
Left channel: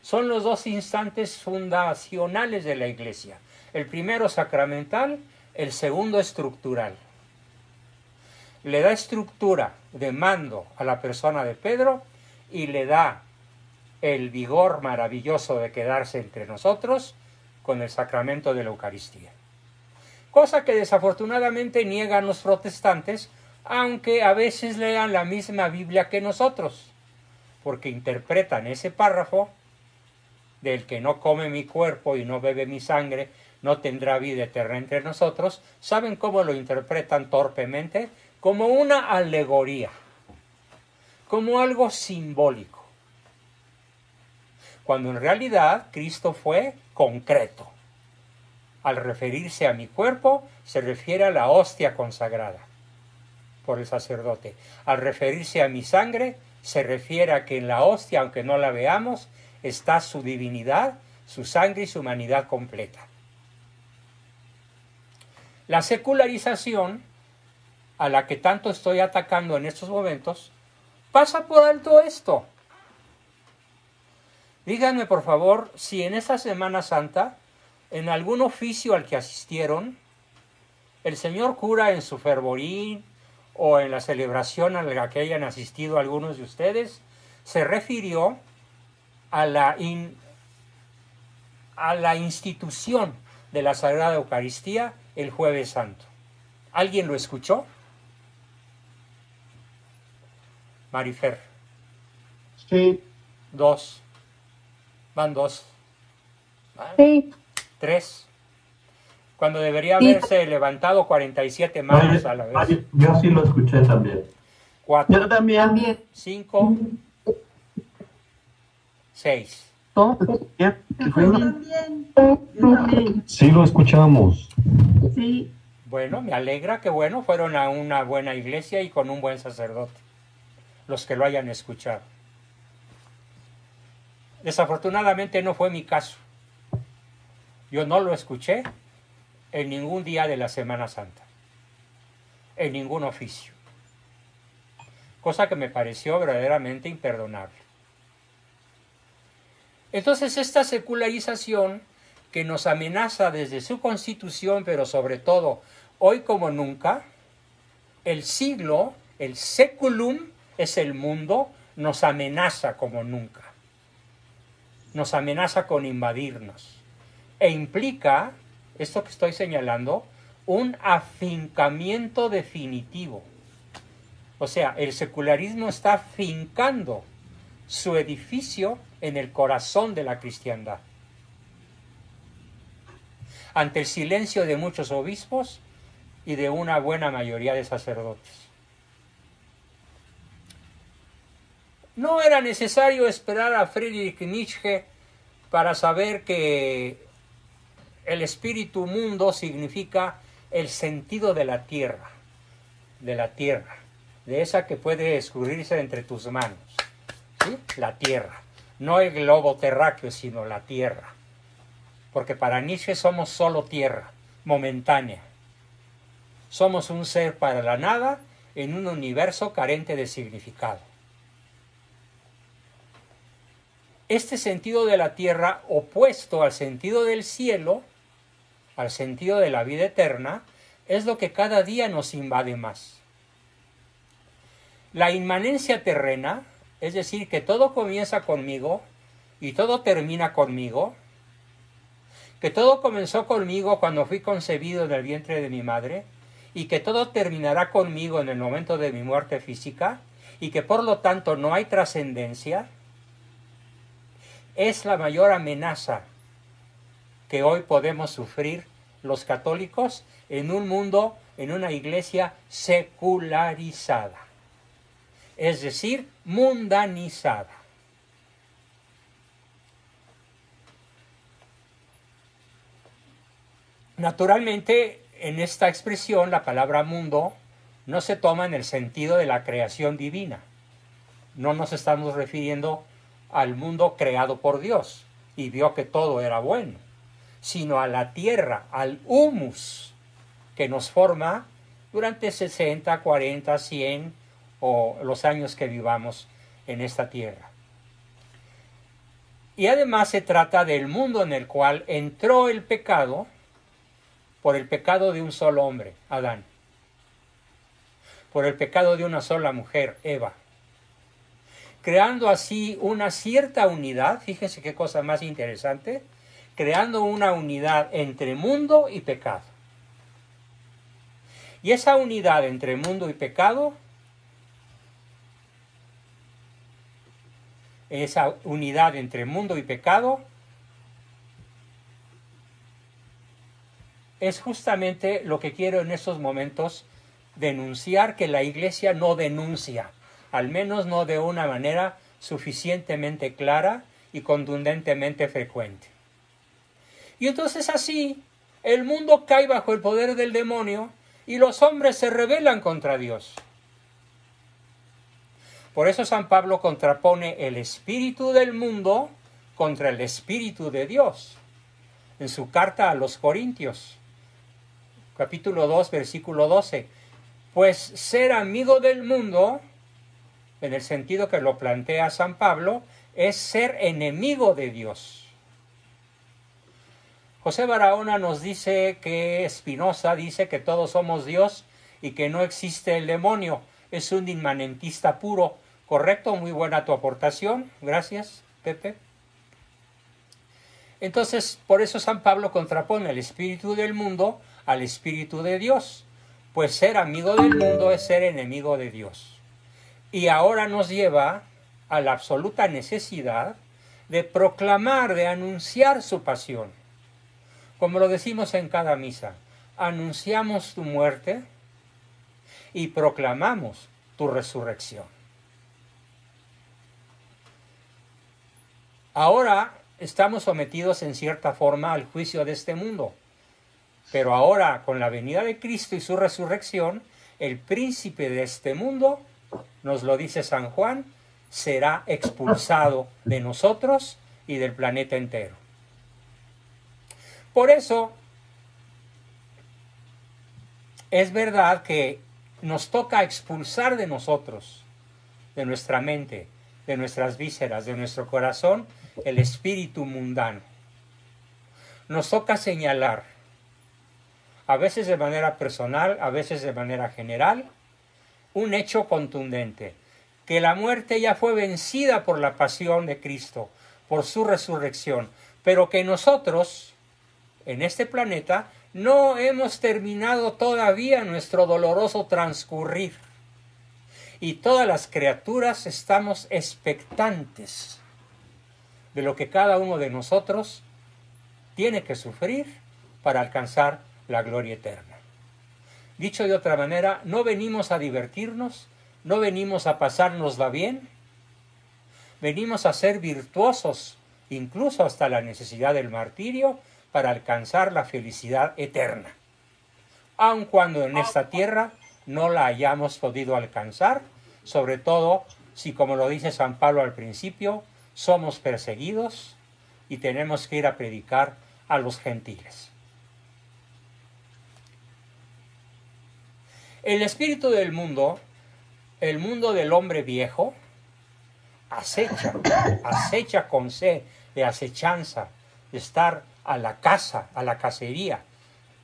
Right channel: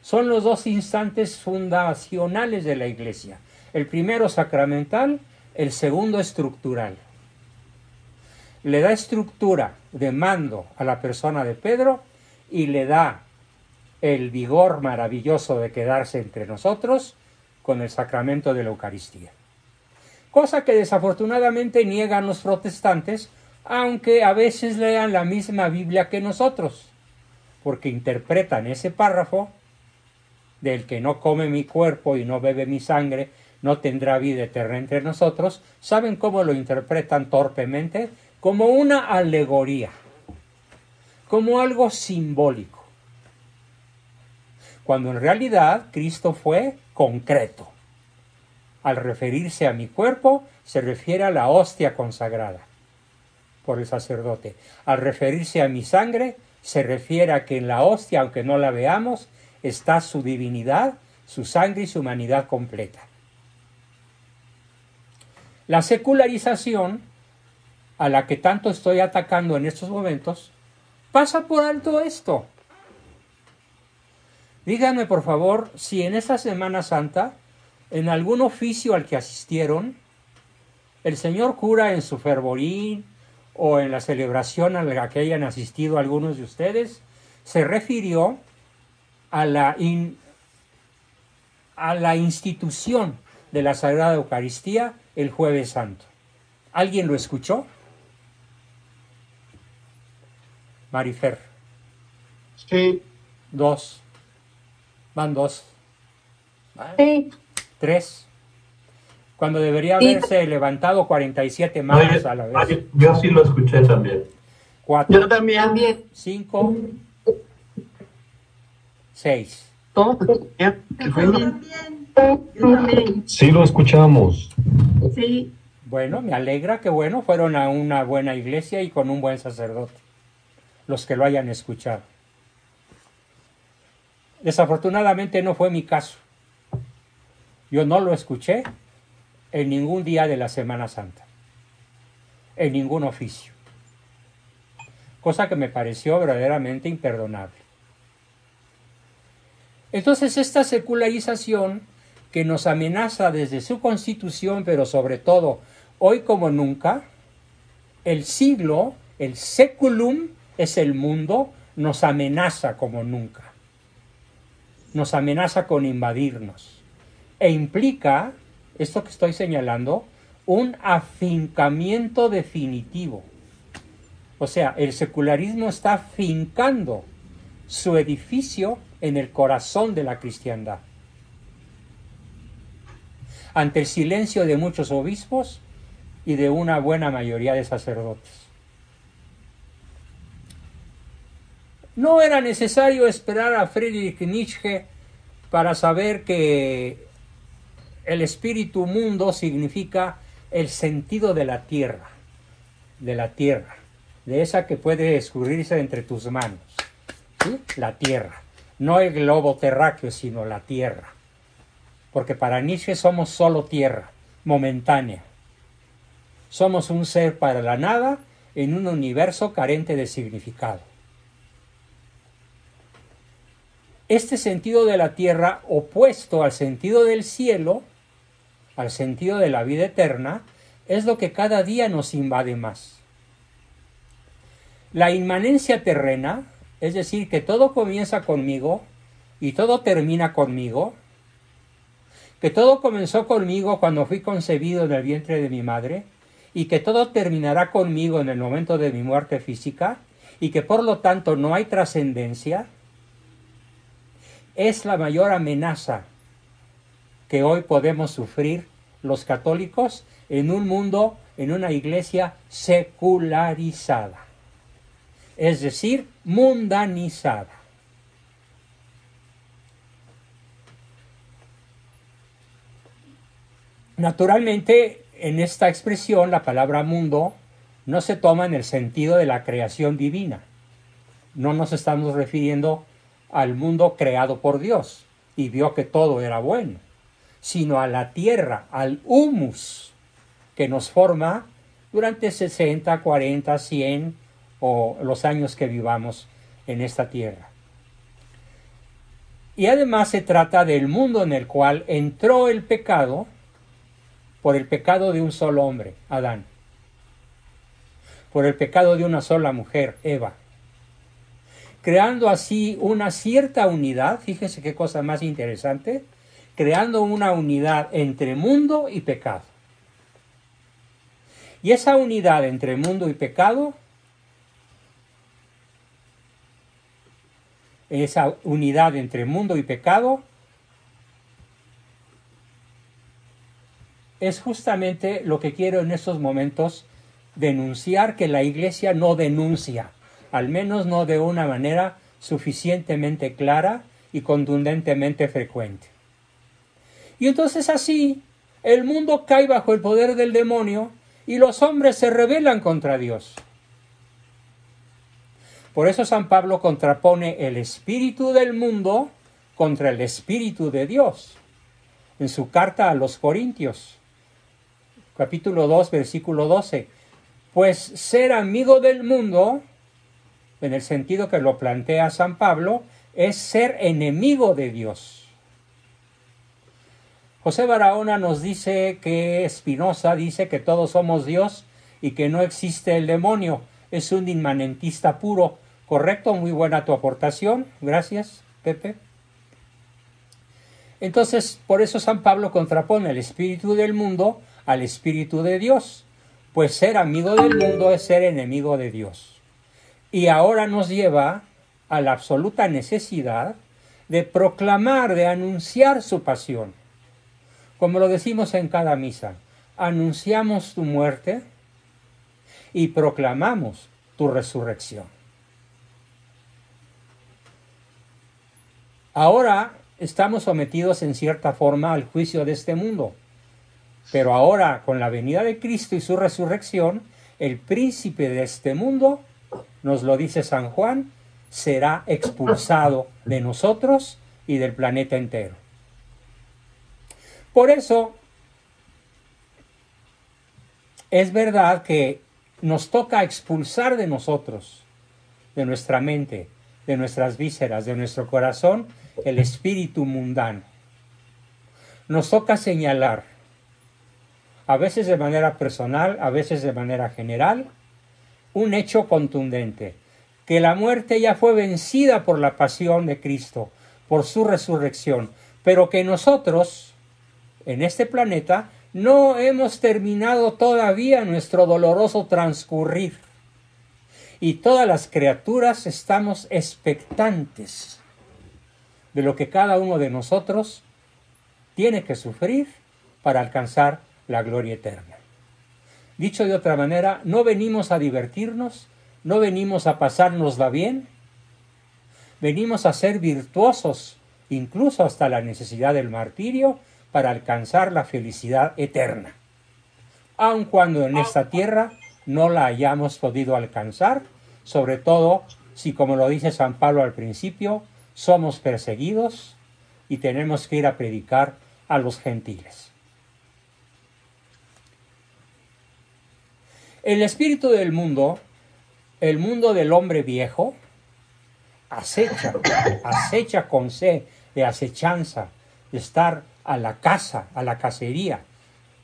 Son los dos instantes fundacionales de la Iglesia. El primero sacramental, el segundo estructural. Le da estructura de mando a la persona de Pedro y le da el vigor maravilloso de quedarse entre nosotros con el sacramento de la Eucaristía. Cosa que desafortunadamente niegan los protestantes, aunque a veces lean la misma Biblia que nosotros, porque interpretan ese párrafo del que no come mi cuerpo y no bebe mi sangre, no tendrá vida eterna entre nosotros. ¿Saben cómo lo interpretan torpemente? Como una alegoría, como algo simbólico, cuando en realidad Cristo fue concreto. Al referirse a mi cuerpo, se refiere a la hostia consagrada por el sacerdote. Al referirse a mi sangre, se refiere a que en la hostia, aunque no la veamos, está su divinidad, su sangre y su humanidad completa. La secularización, a la que tanto estoy atacando en estos momentos, pasa por alto esto. Díganme, por favor, si en esta Semana Santa, en algún oficio al que asistieron, el señor cura en su fervorín o en la celebración a la que hayan asistido algunos de ustedes, se refirió a la institución de la Sagrada Eucaristía el Jueves Santo. ¿Alguien lo escuchó? Marifer. Sí. Dos. Van dos. Sí. Tres. Cuando debería haberse levantado 47 manos a la vez. Yo sí lo escuché también. 4. Yo también. 5. 6. ¿Todo? Sí lo escuchamos. Sí. Bueno, me alegra que fueron a una buena iglesia y con un buen sacerdote, los que lo hayan escuchado. Desafortunadamente no fue mi caso. Yo no lo escuché en ningún día de la Semana Santa, en ningún oficio, cosa que me pareció verdaderamente imperdonable. Entonces esta secularización que nos amenaza desde su constitución, pero sobre todo hoy como nunca, el siglo, el seculum es el mundo, nos amenaza como nunca. Nos amenaza con invadirnos. E implica, esto que estoy señalando, un afincamiento definitivo. O sea, el secularismo está fincando su edificio en el corazón de la cristiandad. Ante el silencio de muchos obispos y de una buena mayoría de sacerdotes. No era necesario esperar a Friedrich Nietzsche para saber que el espíritu mundo significa el sentido de la tierra, de esa que puede escurrirse entre tus manos, ¿sí? La tierra, no el globo terráqueo, sino la tierra, porque para Nietzsche somos solo tierra, momentánea. Somos un ser para la nada en un universo carente de significado. Este sentido de la tierra, opuesto al sentido del cielo, al sentido de la vida eterna, es lo que cada día nos invade más. La inmanencia terrena, es decir, que todo comienza conmigo y todo termina conmigo, que todo comenzó conmigo cuando fui concebido en el vientre de mi madre, y que todo terminará conmigo en el momento de mi muerte física, y que por lo tanto no hay trascendencia, es la mayor amenaza que hoy podemos sufrir los católicos en un mundo, en una iglesia secularizada, es decir, mundanizada. Naturalmente, en esta expresión, la palabra mundo no se toma en el sentido de la creación divina. No nos estamos refiriendo al mundo creado por Dios y vio que todo era bueno, sino a la tierra, al humus que nos forma durante 60, 40, 100 o los años que vivamos en esta tierra. Y además se trata del mundo en el cual entró el pecado por el pecado de un solo hombre, Adán, por el pecado de una sola mujer, Eva, creando así una cierta unidad, fíjese qué cosa más interesante, creando una unidad entre mundo y pecado. Y esa unidad entre mundo y pecado, es justamente lo que quiero en estos momentos denunciar, que la Iglesia no denuncia, al menos no de una manera suficientemente clara y contundentemente frecuente. Y entonces así, el mundo cae bajo el poder del demonio y los hombres se rebelan contra Dios. Por eso San Pablo contrapone el espíritu del mundo contra el espíritu de Dios en su carta a los Corintios, capítulo 2, versículo 12. Pues ser amigo del mundo, en el sentido que lo plantea San Pablo, es ser enemigo de Dios. José Barahona nos dice que Spinoza dice que todos somos Dios y que no existe el demonio. Es un inmanentista puro. ¿Correcto? Muy buena tu aportación. Gracias, Pepe. Entonces, por eso San Pablo contrapone el espíritu del mundo al espíritu de Dios. Pues ser amigo del mundo es ser enemigo de Dios. Y ahora nos lleva a la absoluta necesidad de proclamar, de anunciar su pasión. Como lo decimos en cada misa, anunciamos tu muerte y proclamamos tu resurrección. Ahora estamos sometidos en cierta forma al juicio de este mundo, pero ahora con la venida de Cristo y su resurrección, el príncipe de este mundo, nos lo dice San Juan, será expulsado de nosotros y del planeta entero. Por eso, es verdad que nos toca expulsar de nosotros, de nuestra mente, de nuestras vísceras, de nuestro corazón, el espíritu mundano. Nos toca señalar, a veces de manera personal, a veces de manera general, un hecho contundente, que la muerte ya fue vencida por la pasión de Cristo, por su resurrección, pero que nosotros, en este planeta, no hemos terminado todavía nuestro doloroso transcurrir. Y todas las criaturas estamos expectantes de lo que cada uno de nosotros tiene que sufrir para alcanzar la gloria eterna. Dicho de otra manera, no venimos a divertirnos, no venimos a pasárnosla bien, venimos a ser virtuosos, incluso hasta la necesidad del martirio, para alcanzar la felicidad eterna. Aun cuando en esta tierra no la hayamos podido alcanzar, sobre todo si, como lo dice San Pablo al principio, somos perseguidos y tenemos que ir a predicar a los gentiles. El espíritu del mundo, el mundo del hombre viejo, acecha con C de acechanza, de estar a la caza, a la cacería.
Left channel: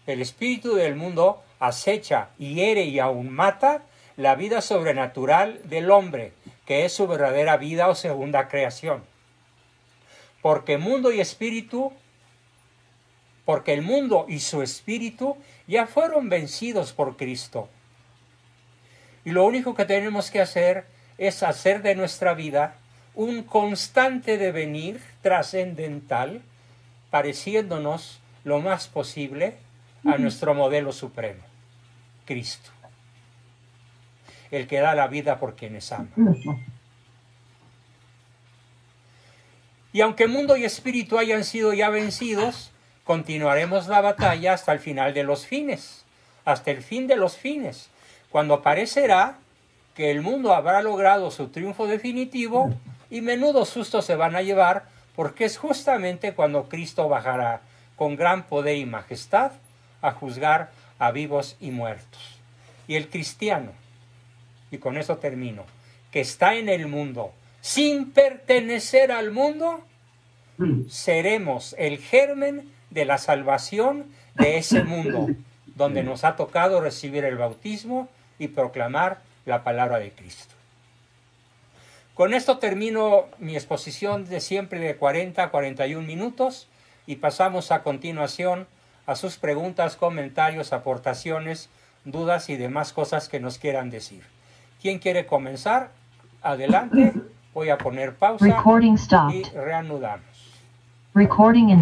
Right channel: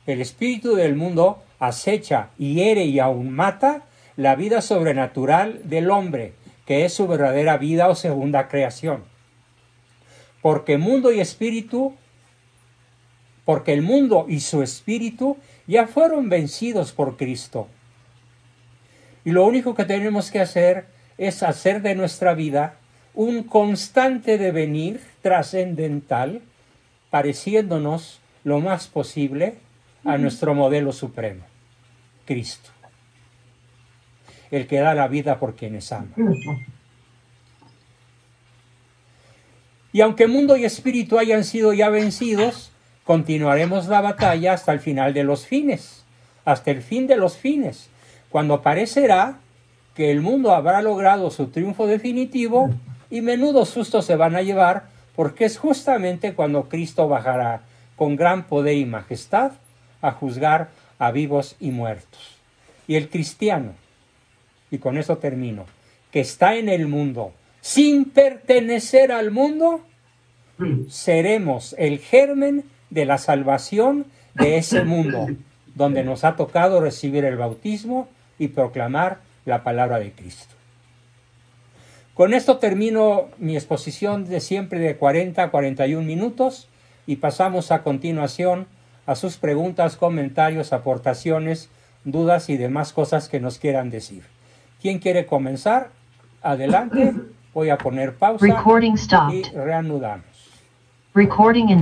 El espíritu del mundo acecha, hiere y aún mata la vida sobrenatural del hombre, que es su verdadera vida o segunda creación. Porque el mundo y su espíritu ya fueron vencidos por Cristo. Y lo único que tenemos que hacer es hacer de nuestra vida un constante devenir trascendental, pareciéndonos lo más posible a nuestro modelo supremo, Cristo, el que da la vida por quienes ama. Y aunque mundo y espíritu hayan sido ya vencidos, continuaremos la batalla hasta el final de los fines, hasta el fin de los fines, cuando parecerá que el mundo habrá logrado su triunfo definitivo y menudos sustos se van a llevar, porque es justamente cuando Cristo bajará con gran poder y majestad a juzgar a vivos y muertos. Y el cristiano, y con eso termino, que está en el mundo sin pertenecer al mundo, seremos el germen de la salvación de ese mundo, donde nos ha tocado recibir el bautismo y proclamar la palabra de Cristo. Con esto termino mi exposición de siempre de 40 a 41 minutos y pasamos a continuación a sus preguntas, comentarios, aportaciones, dudas y demás cosas que nos quieran decir. ¿Quién quiere comenzar? Adelante. Voy a poner pausa Recording stopped. y reanudamos. Recording in